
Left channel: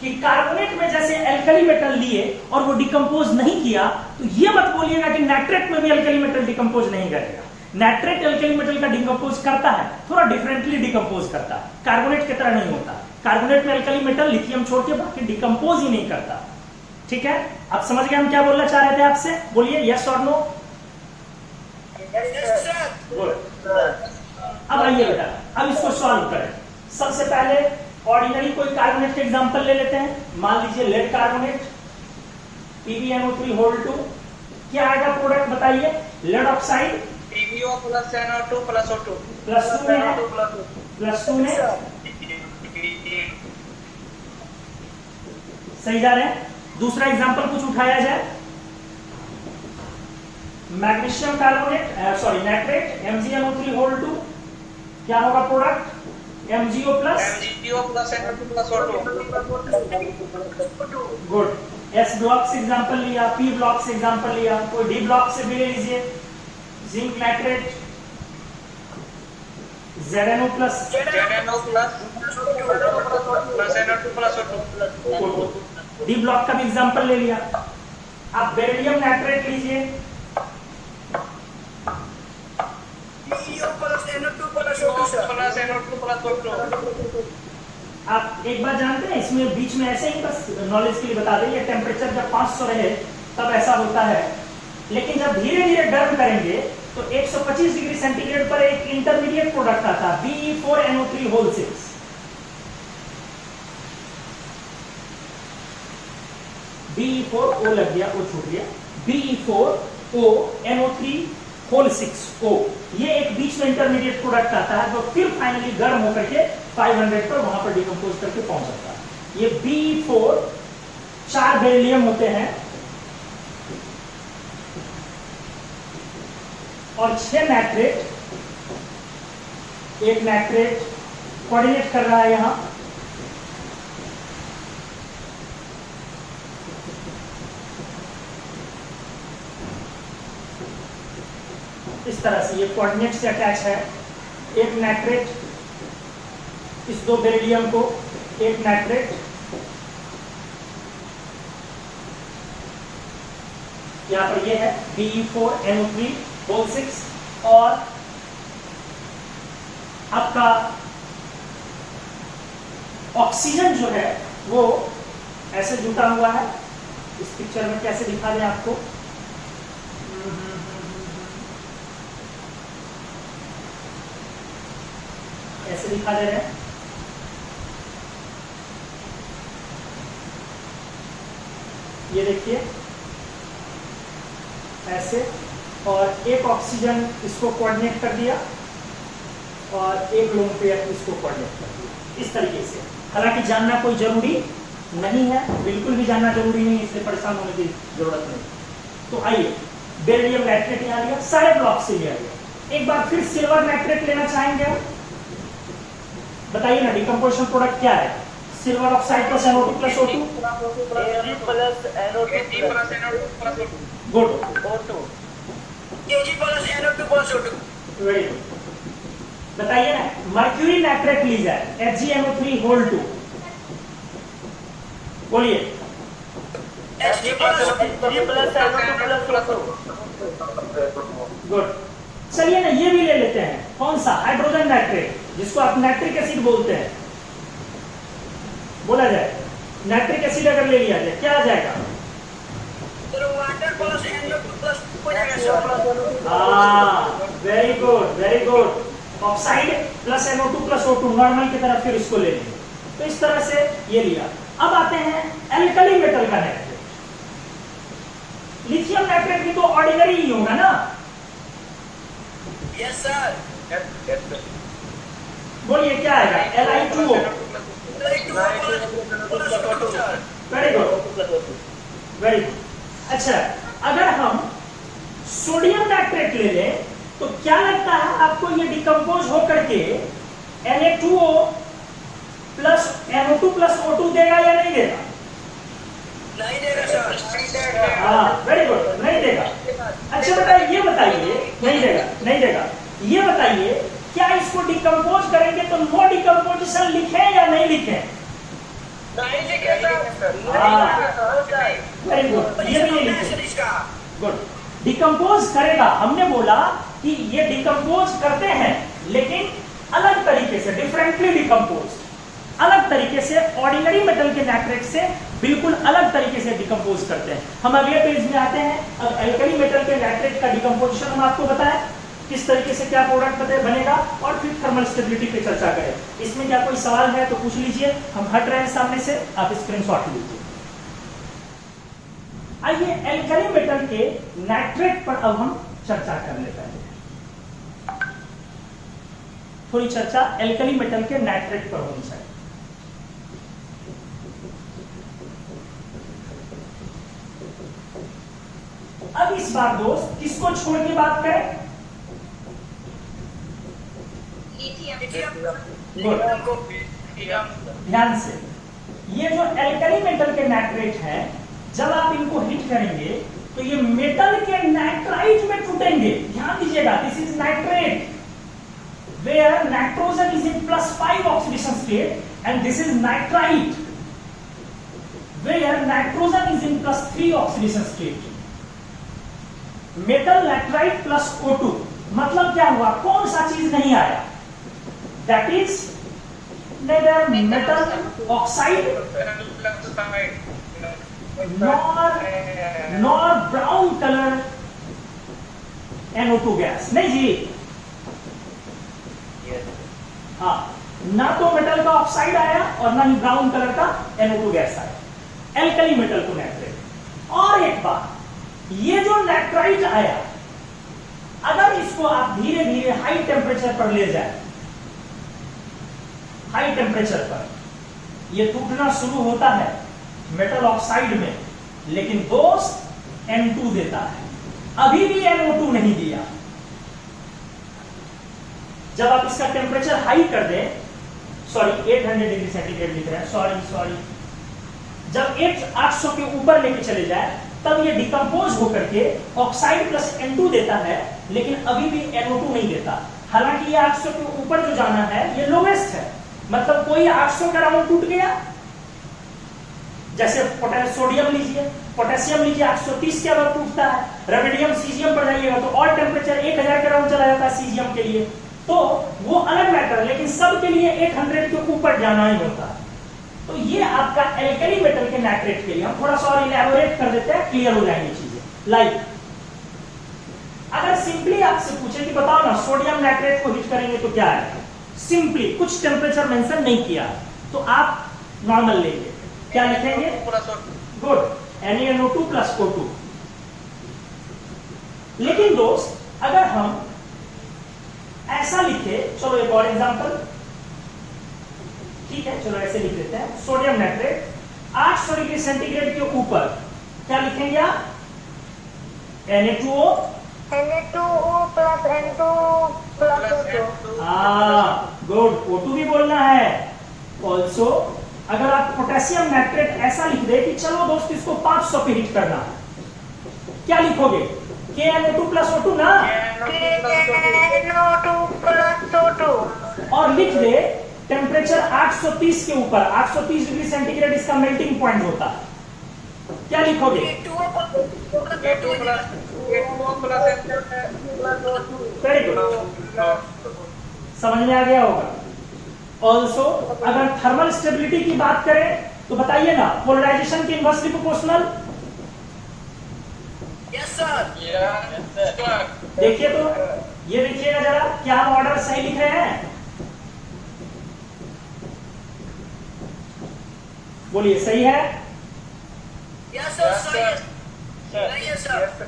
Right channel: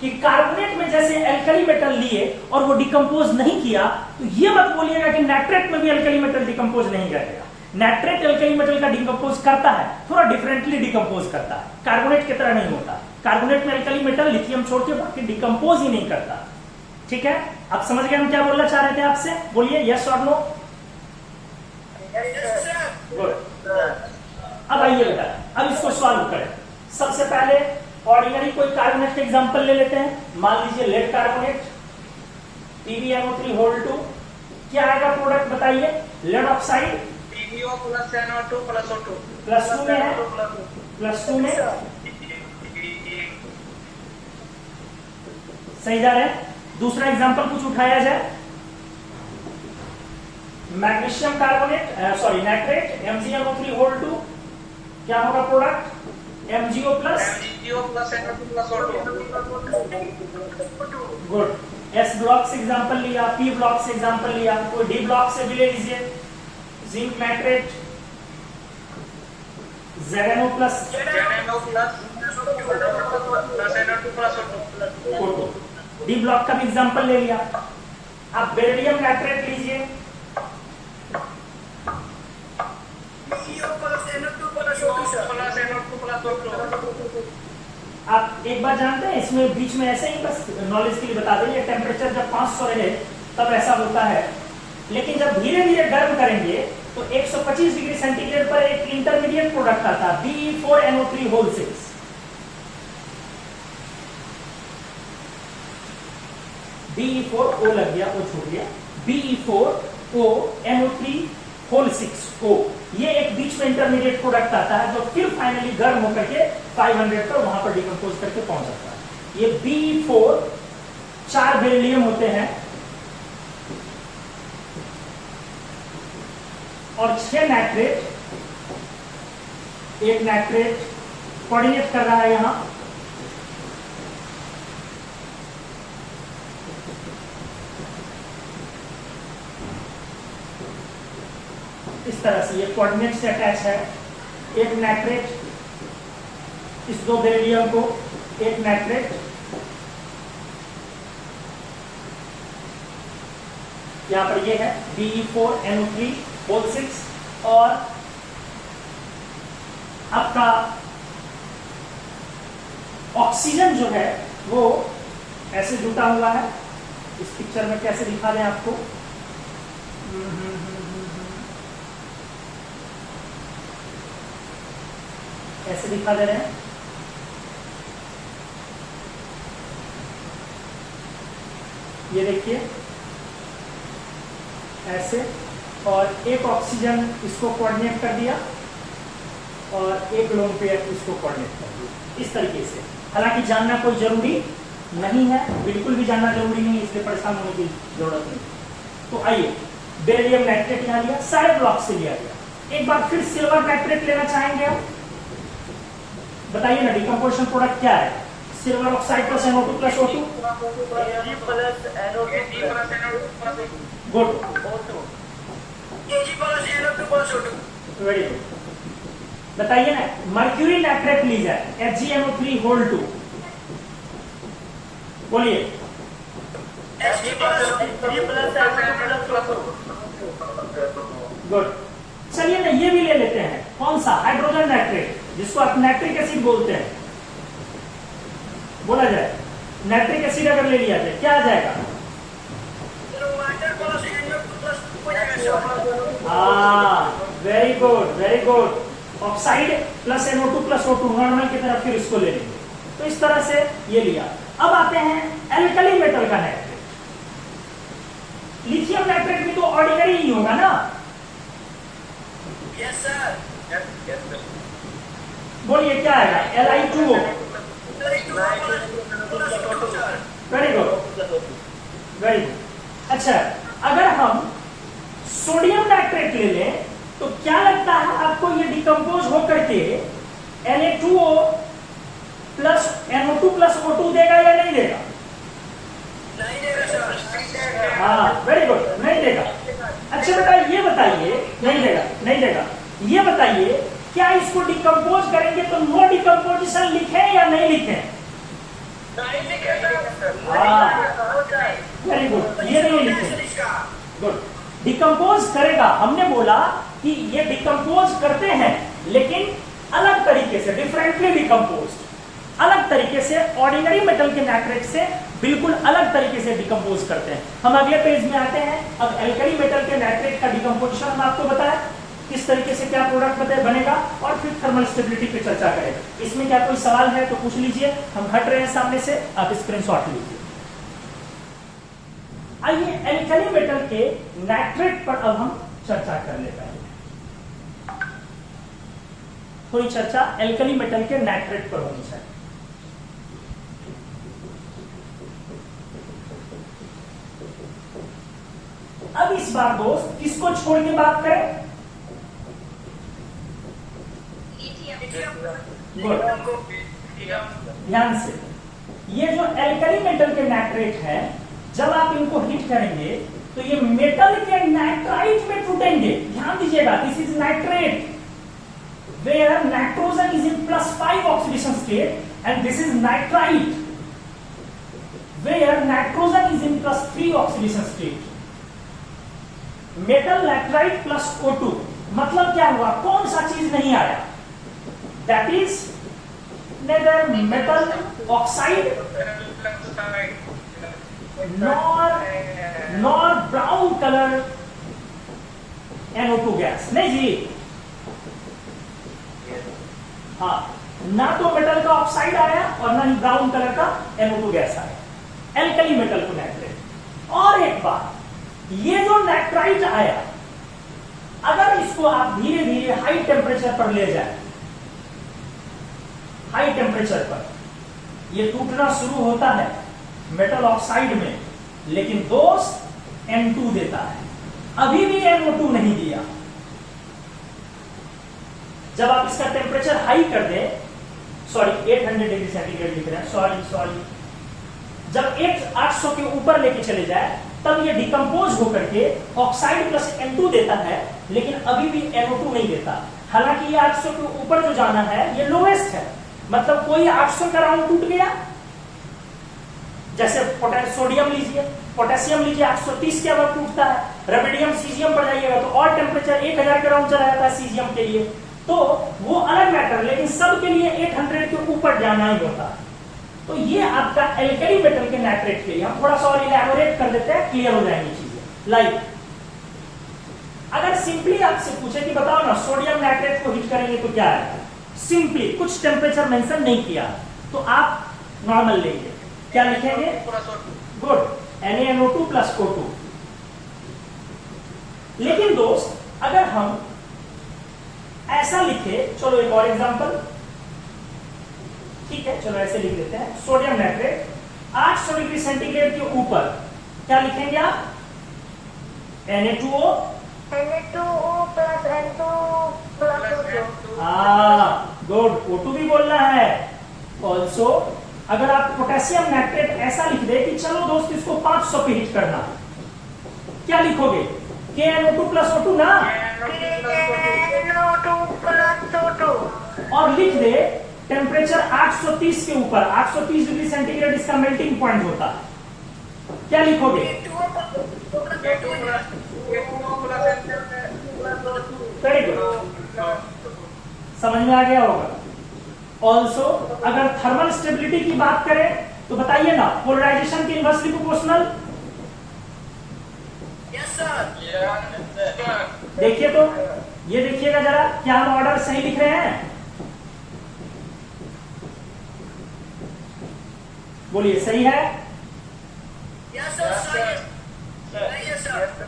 कि कार्बोनेट में जैसे एल्कली मेटल लिए और वो डिकम्पोज नहीं किया, तो ये मत बोलिएगा कि नाइट्रेट में भी एल्कली मेटल डिकम्पोज नहीं करेगा। नाइट्रेट एल्कली मेटल का डिकम्पोज करता है, थोड़ा डिफरेंटली डिकम्पोज करता है, कार्बोनेट की तरह नहीं होता। कार्बोनेट में एल्कली मेटल लिथियम छोड़ के बाकी डिकम्पोज ही नहीं करता। ठीक है, आप समझ गए हम क्या बोलना चाह रहे थे आपसे? बोलिए यस और नो। अब आइए बेटा, अब इसको सॉल्व करें। सबसे पहले ऑर्डिनरी कोई कार्बोनेट के एग्जांपल ले लेते हैं। मान लीजिए लेड कार्बोनेट, PbNO3(2). क्या आएगा प्रोडक्ट बताइए? Lead oxide PbO plus NO2 plus O2 +2 में है, +2 में सही जा रहे हैं। दूसरा एग्जांपल कुछ उठाया जाए, magnesium carbonate, sorry nitrate, MgNO3(2). क्या होगा product? MgO plus NO2 plus O2। Good. S block से एग्जांपल लिया, P ब्लॉक से एग्जांपल लिया, कोई D ब्लॉक से भी ले लीजिए। Zinc nitrate, ZnO plus ZnO plus NO2 plus O2। D block का भी एग्जांपल ले लिया। आप बेरिलियम नाइट्रेट लीजिए, आप एक बार जानते हैं इसमें बीच में ऐसे ही बस नॉलेज के लिए बता देंगे, टेम्परेचर जब 500 रहे तब ऐसा होता है, लेकिन जब धीरे धीरे गर्म करेंगे तो 125 डिग्री सेंटीग्रेड पर एक इंटरमीडिएट प्रोडक्ट आता है BE4NO3 होल 6। BE4O लग गया, वो छूट गया, BE4ONO3 होल 6O, ये एक बीच में इंटरमीडिएट प्रोडक्ट आता है जो फिर फाइनली गर्म होकर के 500 पर वहां पर डिकम्पोज करके पहुंच जाता है। ये BE4 4 बेरिलियम होते हैं और 6 नाइट्रेट, एक नाइट्रेट कोऑर्डिनेट कर रहा है यहां, इस तरह से ये कोऑर्डिनेट से अटैच है। एक नाइट्रेट इस 2 बेरिलियम को, एक नाइट्रेट यहां पर ये है BE4NO3 होल 6 और आपका ऑक्सीजन जो है वो ऐसे जुटा हुआ है। इस पिक्चर में कैसे दिखा दें आपको, ऐसे दिखा दे रहे हैं। ये देखिए ऐसे, और एक ऑक्सीजन इसको कोऑर्डिनेट कर दिया और एक लोन पेयर इसको कोऑर्डिनेट कर दिया, इस तरीके से। हालांकि जानना कोई जरूरी नहीं है, बिल्कुल भी जानना जरूरी नहीं, इससे परेशान होने की जरूरत नहीं। तो आइए, बेरिलियम नाइट्रेट यहां लिया, सारे ब्लॉक से लिया गया। एक बार फिर सिल्वर नाइट्रेट लेना चाहेंगे आप, बताइए ना डिकम्पोजिशन प्रोडक्ट क्या है? Silver oxide plus NO2 plus O2, good, very good. बताइए ना, मर्क्यूरी नाइट्रेट ली जाए HgNO3 होल 2, बोलिए। गुड, चलिए ना ये भी ले लेते हैं, कौन सा? हाइड्रोजन नाइट्रेट, जिसको आप नाइट्रिक एसिड बोलते हैं, बोला जाए। नाइट्रिक एसिड अगर ले लिया जाए क्या आ जाएगा? Very good, very good. Oxide plus NO2 plus O2 normal की तरफ फिर इसको ले लेंगे। तो इस तरह से ये लिया। अब आते हैं एल्कली मेटल का नाइट्रेट। लिथियम नाइट्रेट भी तो ऑर्डिनरी ही होगा ना? Yes sir. बोलिए क्या आएगा? Li2O। Very good, very good. अच्छा, अगर हम सोडियम नाइट्रेट ले लें तो क्या लगता है आपको ये डिकम्पोज होकर के Na2O plus NO2 plus O2 देगा या नहीं देगा? नहीं देगा सर। हाँ, वेरी गुड, नहीं देगा। अच्छा बेटा ये बताइए, नहीं देगा, नहीं देगा। ये बताइए क्या इसको डिकम्पोज करेंगे तो नो डिकम्पोजिशन लिखें या नहीं लिखें? नहीं लिखेगा। वेरी गुड, ये भी नहीं लिखें। गुड, डिकम्पोज करेगा। हमने बोला कि ये डिकम्पोज करते हैं लेकिन अलग तरीके से, डिफरेंटली डिकम्पोज, अलग तरीके से, ऑर्डिनरी मेटल के नाइट्रेट से बिल्कुल अलग तरीके से डिकम्पोज करते हैं। हम अगले पेज में आते हैं। अब एल्कली मेटल के नाइट्रेट का डिकम्पोजिशन हम आपको बताएं, किस तरीके से क्या प्रोडक्ट बनेगा, और फिर थर्मल स्टेबिलिटी की चर्चा करें। इसमें क्या कोई सवाल है तो पूछ लीजिए, हम हट रहे हैं सामने से, आप स्क्रीनशॉट लीजिए। आइए एल्कली मेटल के नाइट्रेट पर अब हम चर्चा कर लेते हैं। थोड़ी चर्चा एल्कली मेटल के नाइट्रेट पर होनी चाहिए। अब इस बार दोस्त किसको छोड़ के बात करें? ध्यान से, ये जो एल्कली मेटल के नाइट्रेट है, जब आप इनको हिट करेंगे तो ये मेटल के नाइट्राइट में टूटेंगे। ध्यान दीजिएगा, this is nitrate where nitrogen is in +5 oxidation state and this is nitrite where nitrogen is in +3 oxidation state. Metal nitrite plus O2 मतलब क्या हुआ? कौन सा चीज नहीं आया? That is neither metal oxide nor brown color NO2 gas, नहीं जी? हाँ, ना तो मेटल का ऑक्साइड आया और ना ही ब्राउन कलर का NO2 गैस आया, एल्कली मेटल टू नाइट्रेट। और एक बात, ये जो नाइट्राइट आया, अगर इसको आप धीरे धीरे हाई टेम्परेचर पर ले जाए, हाई टेम्परेचर पर ये टूटना शुरू होता है मेटल ऑक्साइड में, लेकिन दोस्त N2 देता है, अभी भी NO2 नहीं दिया। जब आप इसका टेम्परेचर हाई कर दें, सॉरी 800 डिग्री सेंटीग्रेड लिख रहे हैं, सॉरी, जब 800 के ऊपर लेके चले जाए, तब ये डिकम्पोज होकर के ऑक्साइड प्लस N2 देता है, लेकिन अभी भी NO2 नहीं देता। हालांकि ये 800 के ऊपर जो जाना है ये लोवेस्ट है, मतलब कोई 800 का राउंड टूट गया, जैसे सोडियम लीजिए, पोटेशियम लीजिए, 830 के बाद टूटता है। रेबिडियम सीजियम पर जाइएगा तो और टेम्परेचर 1000 का राउंड चला जाता है सीजियम के लिए, तो वो अलग मैटर है, लेकिन सब के लिए 800 के ऊपर जाना ही होता है। तो ये आपका एल्कली मेटल के नाइट्रेट के लिए हम थोड़ा सा और इलैबोरेट कर देते हैं, क्लियर हो जाएंगी चीजें। लाइक अगर सिंपली आपसे पूछे कि बताओ ना सोडियम नाइट्रेट को हीट करेंगे तो क्या आएगा, सिंपली कुछ टेम्परेचर मेंशन नहीं किया, तो आप नॉर्मल लेंगे, क्या लिखेंगे? Good, NaNO2 plus O2। लेकिन दोस्त अगर हम ऐसा लिखे, चलो एक और एग्जांपल, ठीक है, चलो ऐसे लिख लेते हैं, सोडियम नाइट्रेट 800 डिग्री सेंटीग्रेड के ऊपर क्या लिखेंगे आप? Na2O plus N2 plus O2। Good, O2 भी बोलना है। ऑल्सो अगर आप पोटेशियम नाइट्रेट ऐसा लिख दे कि चलो दोस्त इसको 500 पे हीट करना, क्या लिखोगे? KNO2 प्लस O2 ना, KNO2 प्लस O2। और लिख दे टेम्परेचर 830 के ऊपर, 830 डिग्री सेंटीग्रेड इसका मेल्टिंग पॉइंट होता है, क्या लिखोगे? वेरी गुड, समझ में आ गया होगा। ऑल्सो अगर थर्मल स्टेबिलिटी की बात करें तो बताइए ना, पोलराइजेशन के इनवर्सली प्रोपोर्शनल। Yes sir. देखिए तो ये देखिएगा जरा, क्या हम ऑर्डर सही लिख रहे हैं? बोलिए, सही है? Yes sir.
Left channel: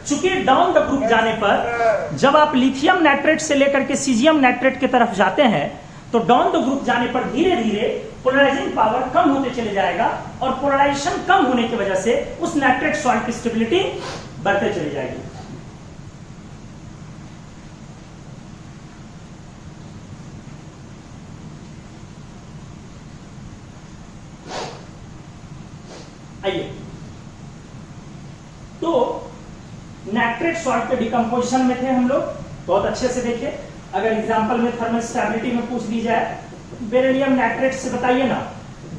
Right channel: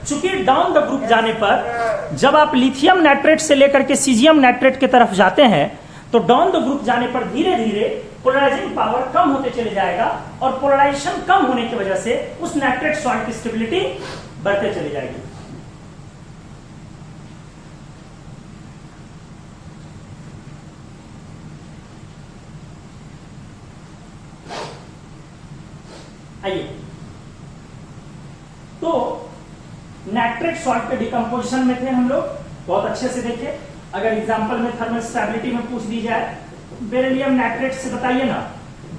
चूंकि डाउन द ग्रुप जाने पर जब आप लिथियम नाइट्रेट से लेकर के सीजियम नाइट्रेट की तरफ जाते हैं, तो डाउन द ग्रुप जाने पर धीरे धीरे पोलराइजिंग पावर कम होते चले जाएगा, और पोलराइजेशन कम होने की वजह से उस नाइट्रेट सॉल्ट की स्टेबिलिटी बढ़ते चली जाएगी। आइए, तो नाइट्रेट सॉल्ट के डिकम्पोजिशन में थे हम लोग, बहुत अच्छे से देखे। अगर एग्जांपल में थर्मल स्टेबिलिटी में पूछ दी जाए, बेरिलियम नाइट्रेट से बताइए ना,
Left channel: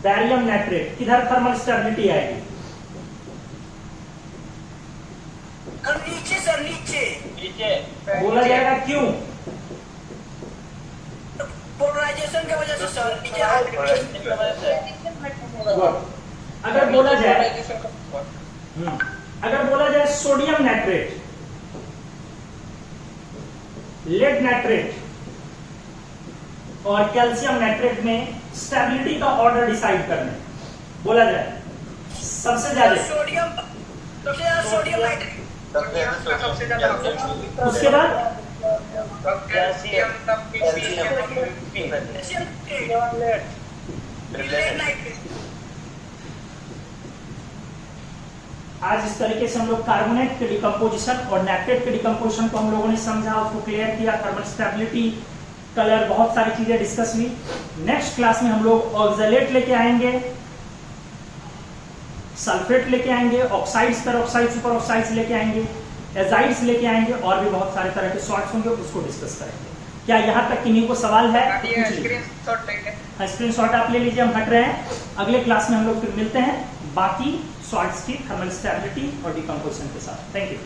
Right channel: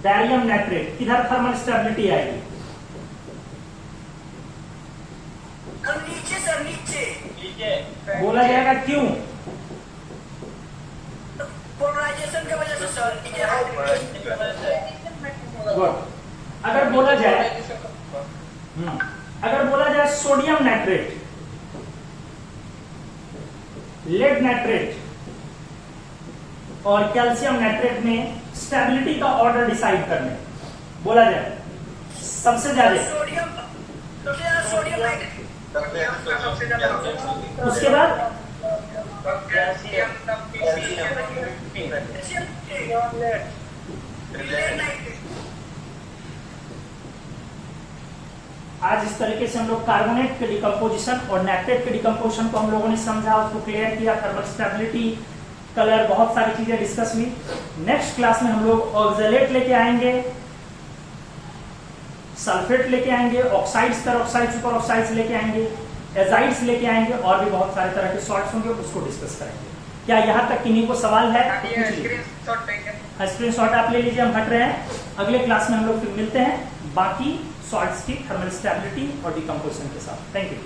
बैरियम नाइट्रेट किधर थर्मल स्टेबिलिटी आएगी? नीचे सर, नीचे बोला जाएगा क्यों? पोलराइजेशन की वजह से सर, गुड। अगर बोला जाए सोडियम नाइट्रेट, लेड नाइट्रेट और कैल्शियम नाइट्रेट में स्टेबिलिटी का ऑर्डर डिसाइड करने, बोला जाए सबसे ज्यादा, सोडियम नाइट्रेट, उसके बाद आज इस तरीके से हम लोग कार्बोनेट के डिकम्पोजिशन और नाइट्रेट के डिकम्पोजिशन को हम लोगों ने समझा, उसको क्लियर किया, थर्मल स्टेबिलिटी, कलर, बहुत सारी चीजें डिस्कस हुई। नेक्स्ट क्लास में हम लोग ऑक्सलेट लेके आएंगे, सल्फेट लेके आएंगे, ऑक्साइड्स, पेरोक्साइड्स, सुपर ऑक्साइड्स लेके आएंगे, एजाइड्स लेके आएंगे, और भी बहुत सारे तरह के सॉल्ट्स होंगे, उसको डिस्कस करेंगे। क्या यहाँ तक किन्हीं को सवाल है? स्क्रीनशॉट आप ले लीजिए, हम हट रहे हैं। अगले क्लास में हम लोग फिर मिलते हैं बाकी सॉल्ट्स की थर्मल स्टेबिलिटी और डिकम्पोजिशन के साथ। Thank you.